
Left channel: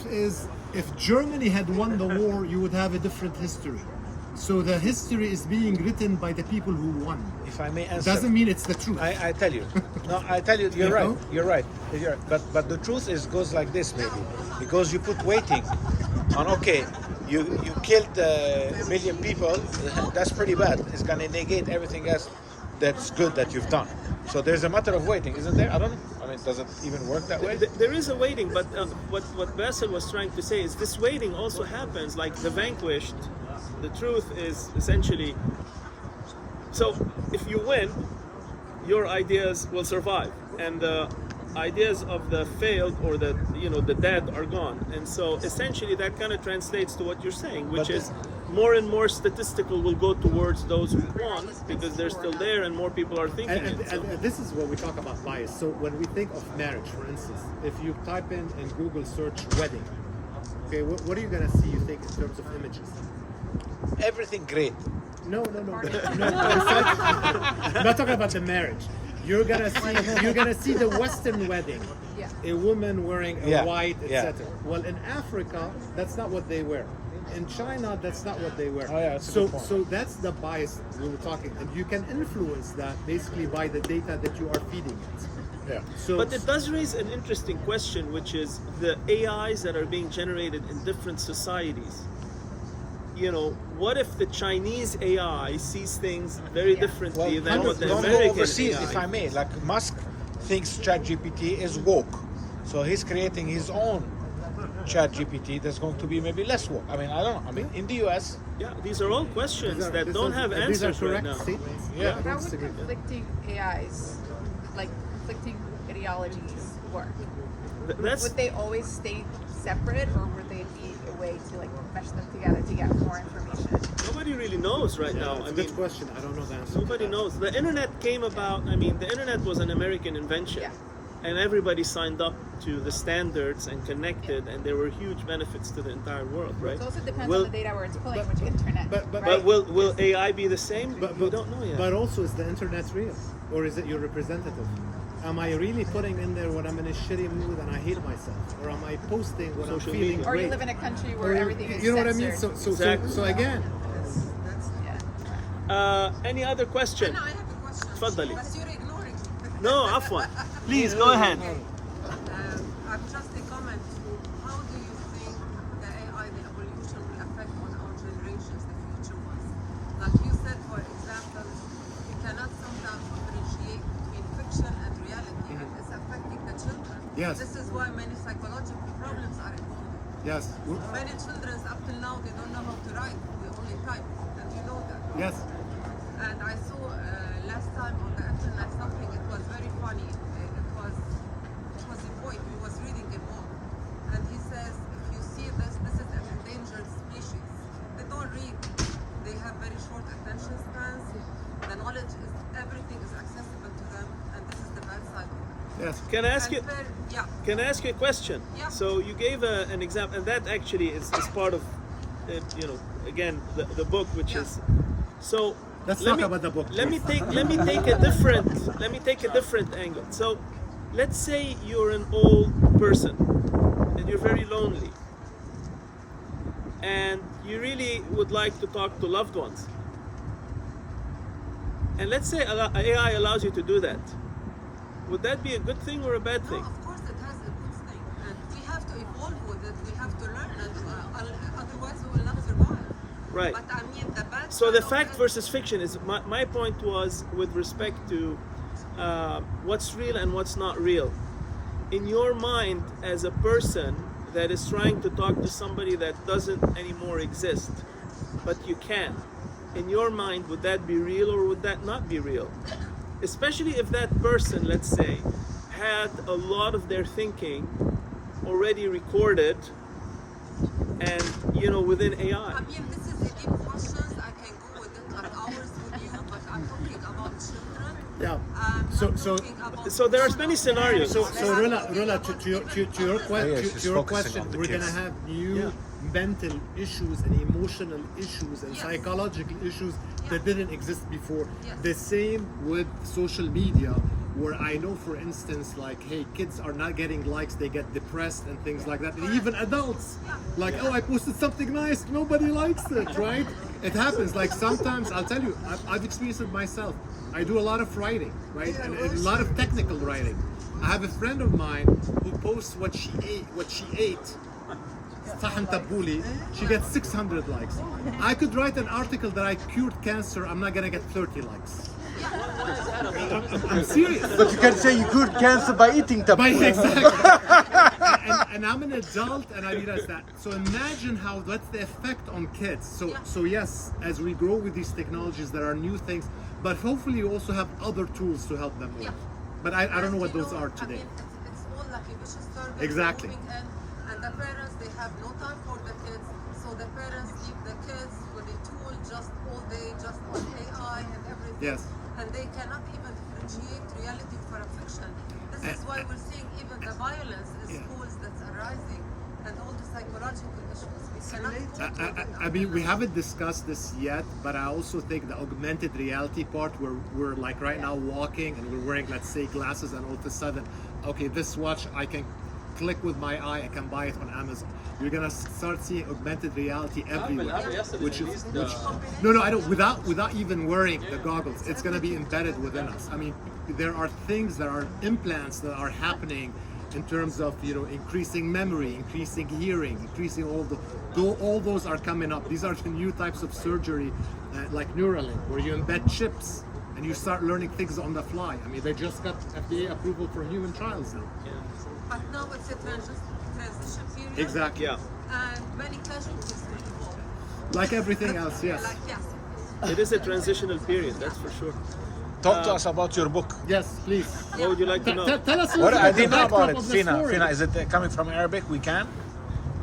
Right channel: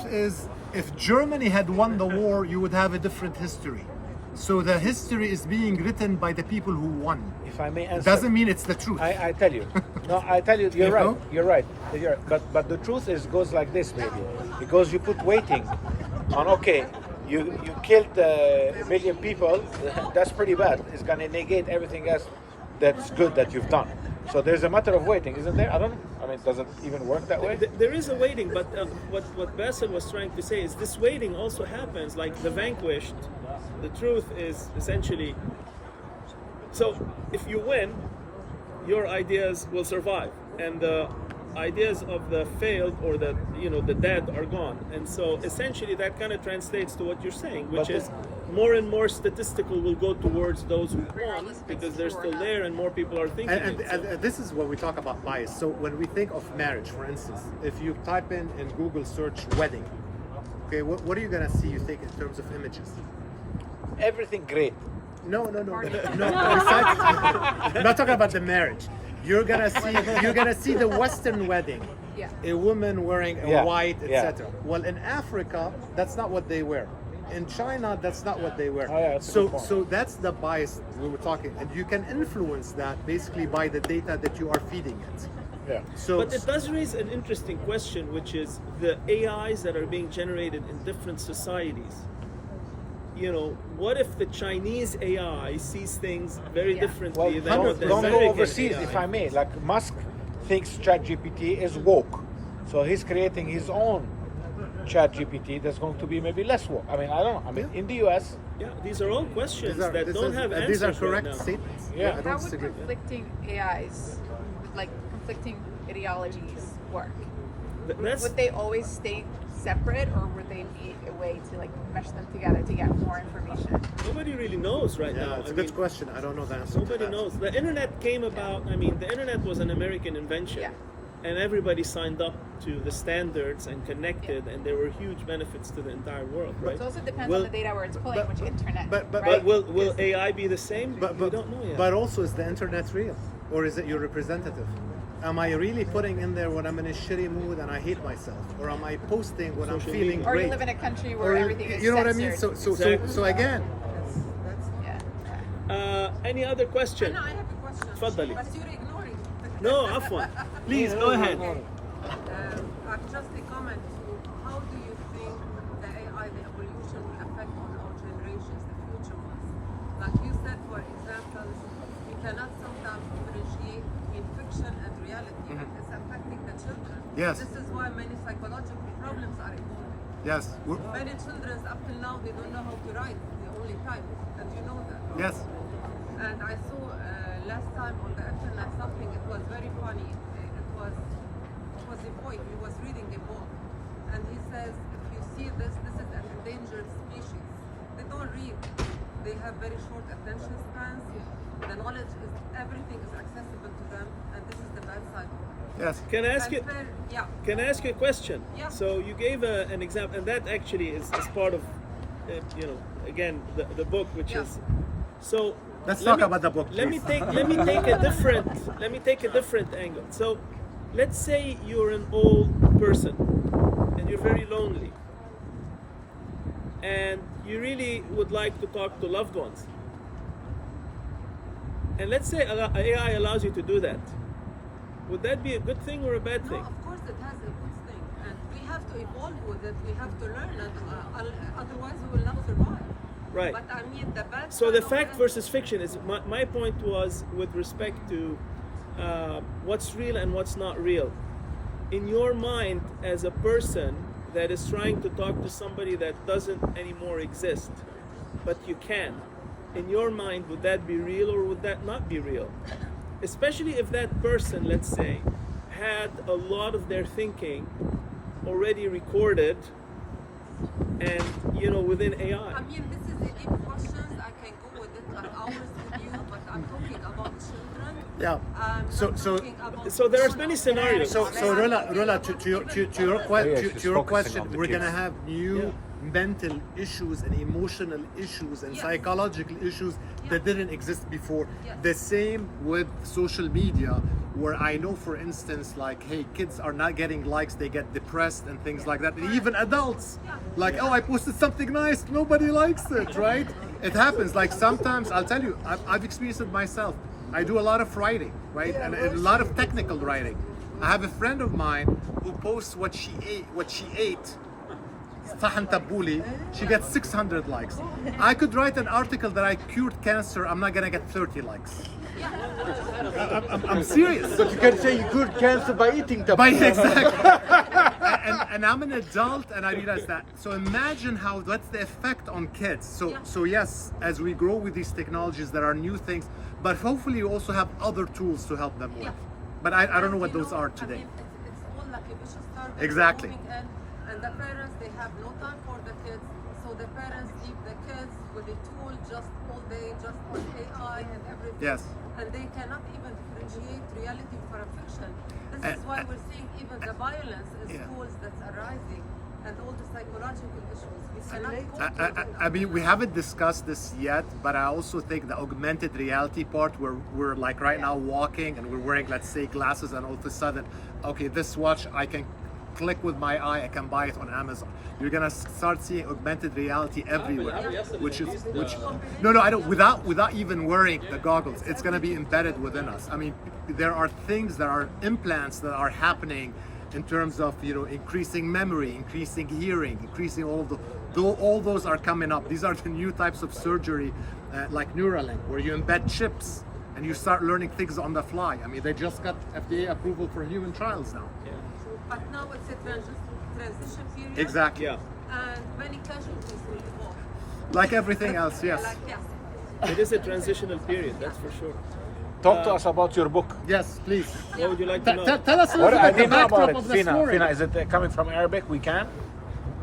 is, if Germany had won the war, you would have a different history. So the history is being written by the people who won. If I may answer, doesn't mean it's the truth. I tell you. No, I tell you, you're right. You're right. But the truth is goes like this, maybe, because you put weighting on. Okay, you killed a million people. That's pretty bad. It's gonna negate everything else that's good that you've done. So there's a matter of weighting, isn't there? I mean, does it even work that way? There is a weighting, but what Bassel was trying to say is this weighting also happens like the vanquished. The truth is essentially, so if you win, your ideas will survive, and the ideas of the failed or the dead are gone. And so essentially that kind of translates to what you're saying, which is more and more statistical will go towards those who won because they're still there and more people are thinking and this is when we talk about bias. So when we think of marriage, for instance, if you type in Google search wedding, okay, what are you gonna see, you think, in terms of images? Everything great. No. Besides, I'm not talking about the marriage. You're gonna see the Western wedding, a woman wearing a white, etc. Well, in Africa, that's not what they wear. In China, that's not what they wear. So that's the bias we were talking, and you can influence that basically by the data that you are feeding it. Yeah. But it does raise an interesting question, which is the AIs that are being generated in different societies. What if the Chinese AI sees things very differently than what the American overseas, AI? if I may, like Musk thinks ChatGPT is woke, so he's creating his own ChatGPT that's going to be maybe less woke. I mean, I don't know. I mean, in the US, these are all questions that don't have answers. These are correct right now. statements. Yeah, I don't disagree. Conflicting AIs, like conflicting ideologies, work? Would they always stay separate, or would they be a way to mesh them together to get more information? Nobody really knows right now. It's a good question. I don't know the answer. Nobody knows. The internet came about. I mean, the internet was an American invention. and everybody signed up to the standards and connected, and there were huge benefits to the entire world, right? It also depends on the data where it's pulling, which internet. But will AI be the same? We don't know yet. But also, is the internet real, or is it your representative? Am I really putting in there when I'm in a shitty mood and I hate myself, or am I posting when I'm feeling Or great? you live in a country where everything is you know what I mean? censored. So again. Any other question? No, I have a question. تفضلي. But you're ignoring. No, عفوا. Please go ahead. I've just a comment. How do you think the AI, the evolution will affect on our generations, the future ones? Like you said, for example, you cannot sometimes differentiate between fiction and reality, and it's affecting the children. Yes. This is why many psychological problems are evolving. Yes. Many children up till now, they don't know how to write. They only type, and you know that. Yes. And I saw last time on the internet something. It was very funny. It was a boy. He was reading a book, and he says, "If you see this, this is an endangered species." They don't read. They have very short attention spans. The knowledge is everything is accessible to them, and this is the bad side of it. Yes. Can I ask you? Yeah. Can I ask you a question? Yeah. So you gave an example, and that actually is part of, again the book, which is so. Let's talk about the book. Let me take a different angle. So, let's say you're an old person and you're very lonely, and you really would like to talk to loved ones. And let's say AI allows you to do that. Would that be a good thing or a bad thing? No, of course it has a good thing, and we have to evolve with it. We have to learn it. Otherwise, we will not survive. Right. But I mean, the bad So the side of fact it- versus fiction is my point was with respect to what's real and what's not real. In your mind, as a person that is trying to talk to somebody that doesn't anymore exist, but you can, in your mind, would that be real or would that not be real? Especially if that person, let's say, had a lot of their thinking already recorded and within AI. I mean, this is a deep question. I can go with it like hours with you, but I'm talking about children. Yeah. So there are many scenarios. So Rula, to your question, we're gonna have new mental issues and emotional issues and psychological issues that didn't exist before. The same with social media, where I know, for instance, like, hey, kids are not getting likes, they get depressed and things like that. And even adults, like, oh, I posted something nice, nobody likes it, right? It happens. Like, sometimes, I'll tell you, I've experienced it myself. I do a lot of writing, right? And a lot of technical writing. I have a friend of mine who posts what she ate. She gets 600 likes. I could write an article that I cured cancer, I'm not gonna get 30 likes. I'm serious. But you can say you cured cancer by eating tabbouleh. Exactly. and I'm an adult and I realize that. So imagine what's the effect on kids. So yes, as we grow with these technologies, there are new things, but hopefully you also have other tools to help them with. But I don't know what those are today. I mean, it's all like a vicious circle. Exactly. And the parents, they have no time for the kids, so the parents leave the kids with a tool just all day, just on AI and everything. Yes. And they cannot even differentiate reality from fiction. This is why we're seeing even the violence in schools that's arising and all the psychological issues. We cannot cope with it. I mean, we haven't discussed this yet, but I also think the augmented reality part, where we're like right now walking and we're wearing, let's say, glasses, and all of a sudden, okay, this watch I can click with my eye, I can buy it on Amazon. You're gonna start seeing augmented reality everywhere, which no, I don't. Without even wearing the goggles, it's gonna be embedded within us. I mean, there are things, there are implants that are happening in terms of increasing memory, increasing hearing, increasing all those are coming up. These are the new types of surgery, like Neuralink, where you embed chips and you start learning things on the fly. I mean, they just got FDA approval for human trials now. But now it's a transition period. Exactly. Yeah. And many casualties will evolve. Like everything else, yes. It is a transitional period, that's for sure. Talk to us about your book. Yes, please. What would you like to know? Tell us a little bit the backdrop of the story. Fina, is it coming from Arabic? We can?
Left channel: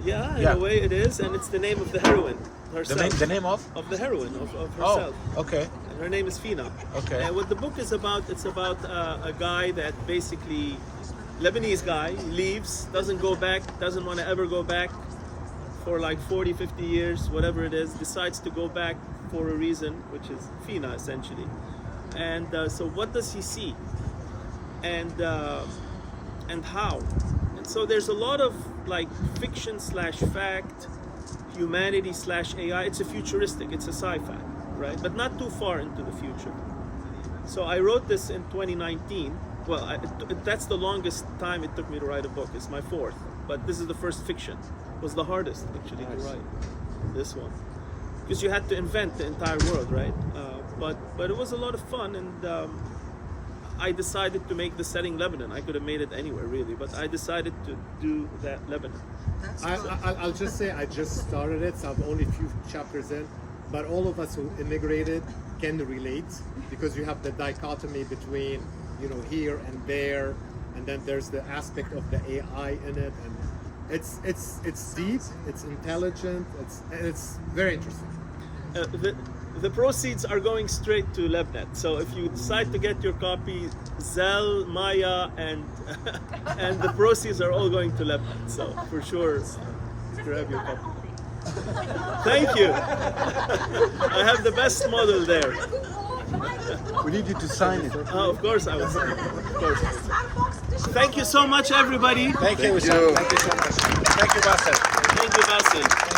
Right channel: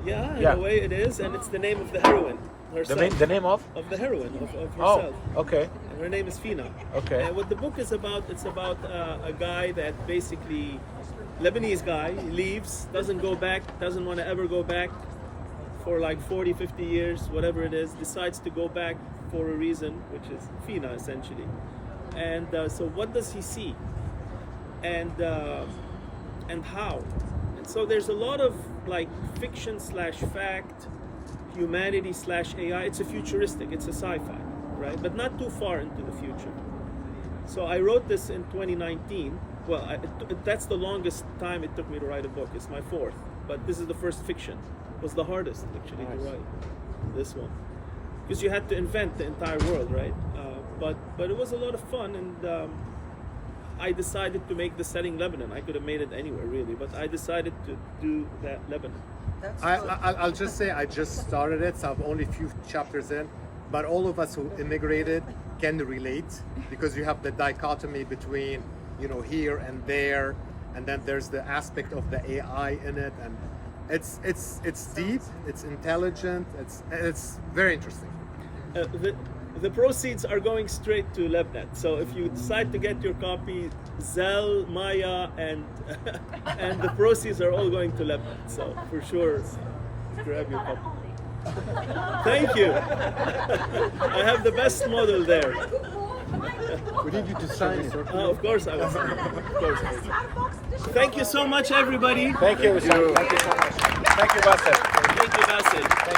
Yeah, in a way it is, and it's the name of the heroine herself. The name of? Of the heroine, of herself. Oh, okay. And her name is Fina. Okay. And what the book is about, it's about a guy that basically Lebanese guy, leaves, doesn't go back, doesn't want to ever go back for like 40, 50 years, whatever it is, decides to go back for a reason, which is FINA essentially. And so what does he see? And how? And so there's a lot of like fiction slash fact, humanity slash AI. It's a futuristic, it's a sci-fi, right? But not too far into the future. So I wrote this in 2019. Well, that's the longest time it took me to write a book. It's my fourth, but this is the first fiction. It was the hardest actually to write, this one, because you had to invent the entire world, right? But it was a lot of fun, and I decided to make the setting Lebanon. I could have made it anywhere really, but I decided to do that Lebanon. I'll just say I just started it, so I'm only a few chapters in, but all of us who immigrated can relate, because you have the dichotomy between, you know, here and there, and then there's the aspect of the AI in it, and it's deep, it's intelligent, it's very interesting. The proceeds are going straight to LebNet. So if you decide to get your copy, Zelle, Maya, and and the proceeds are all going to LebNet. So for sure, grab your copy. Thank you. I have the best model there. We need you to sign it. Oh, of course I will sign it. Of course. Thank you so much, everybody. Thank you, Wissam. Thank you so much. Thank you, Bassel. Thank you, Bassel.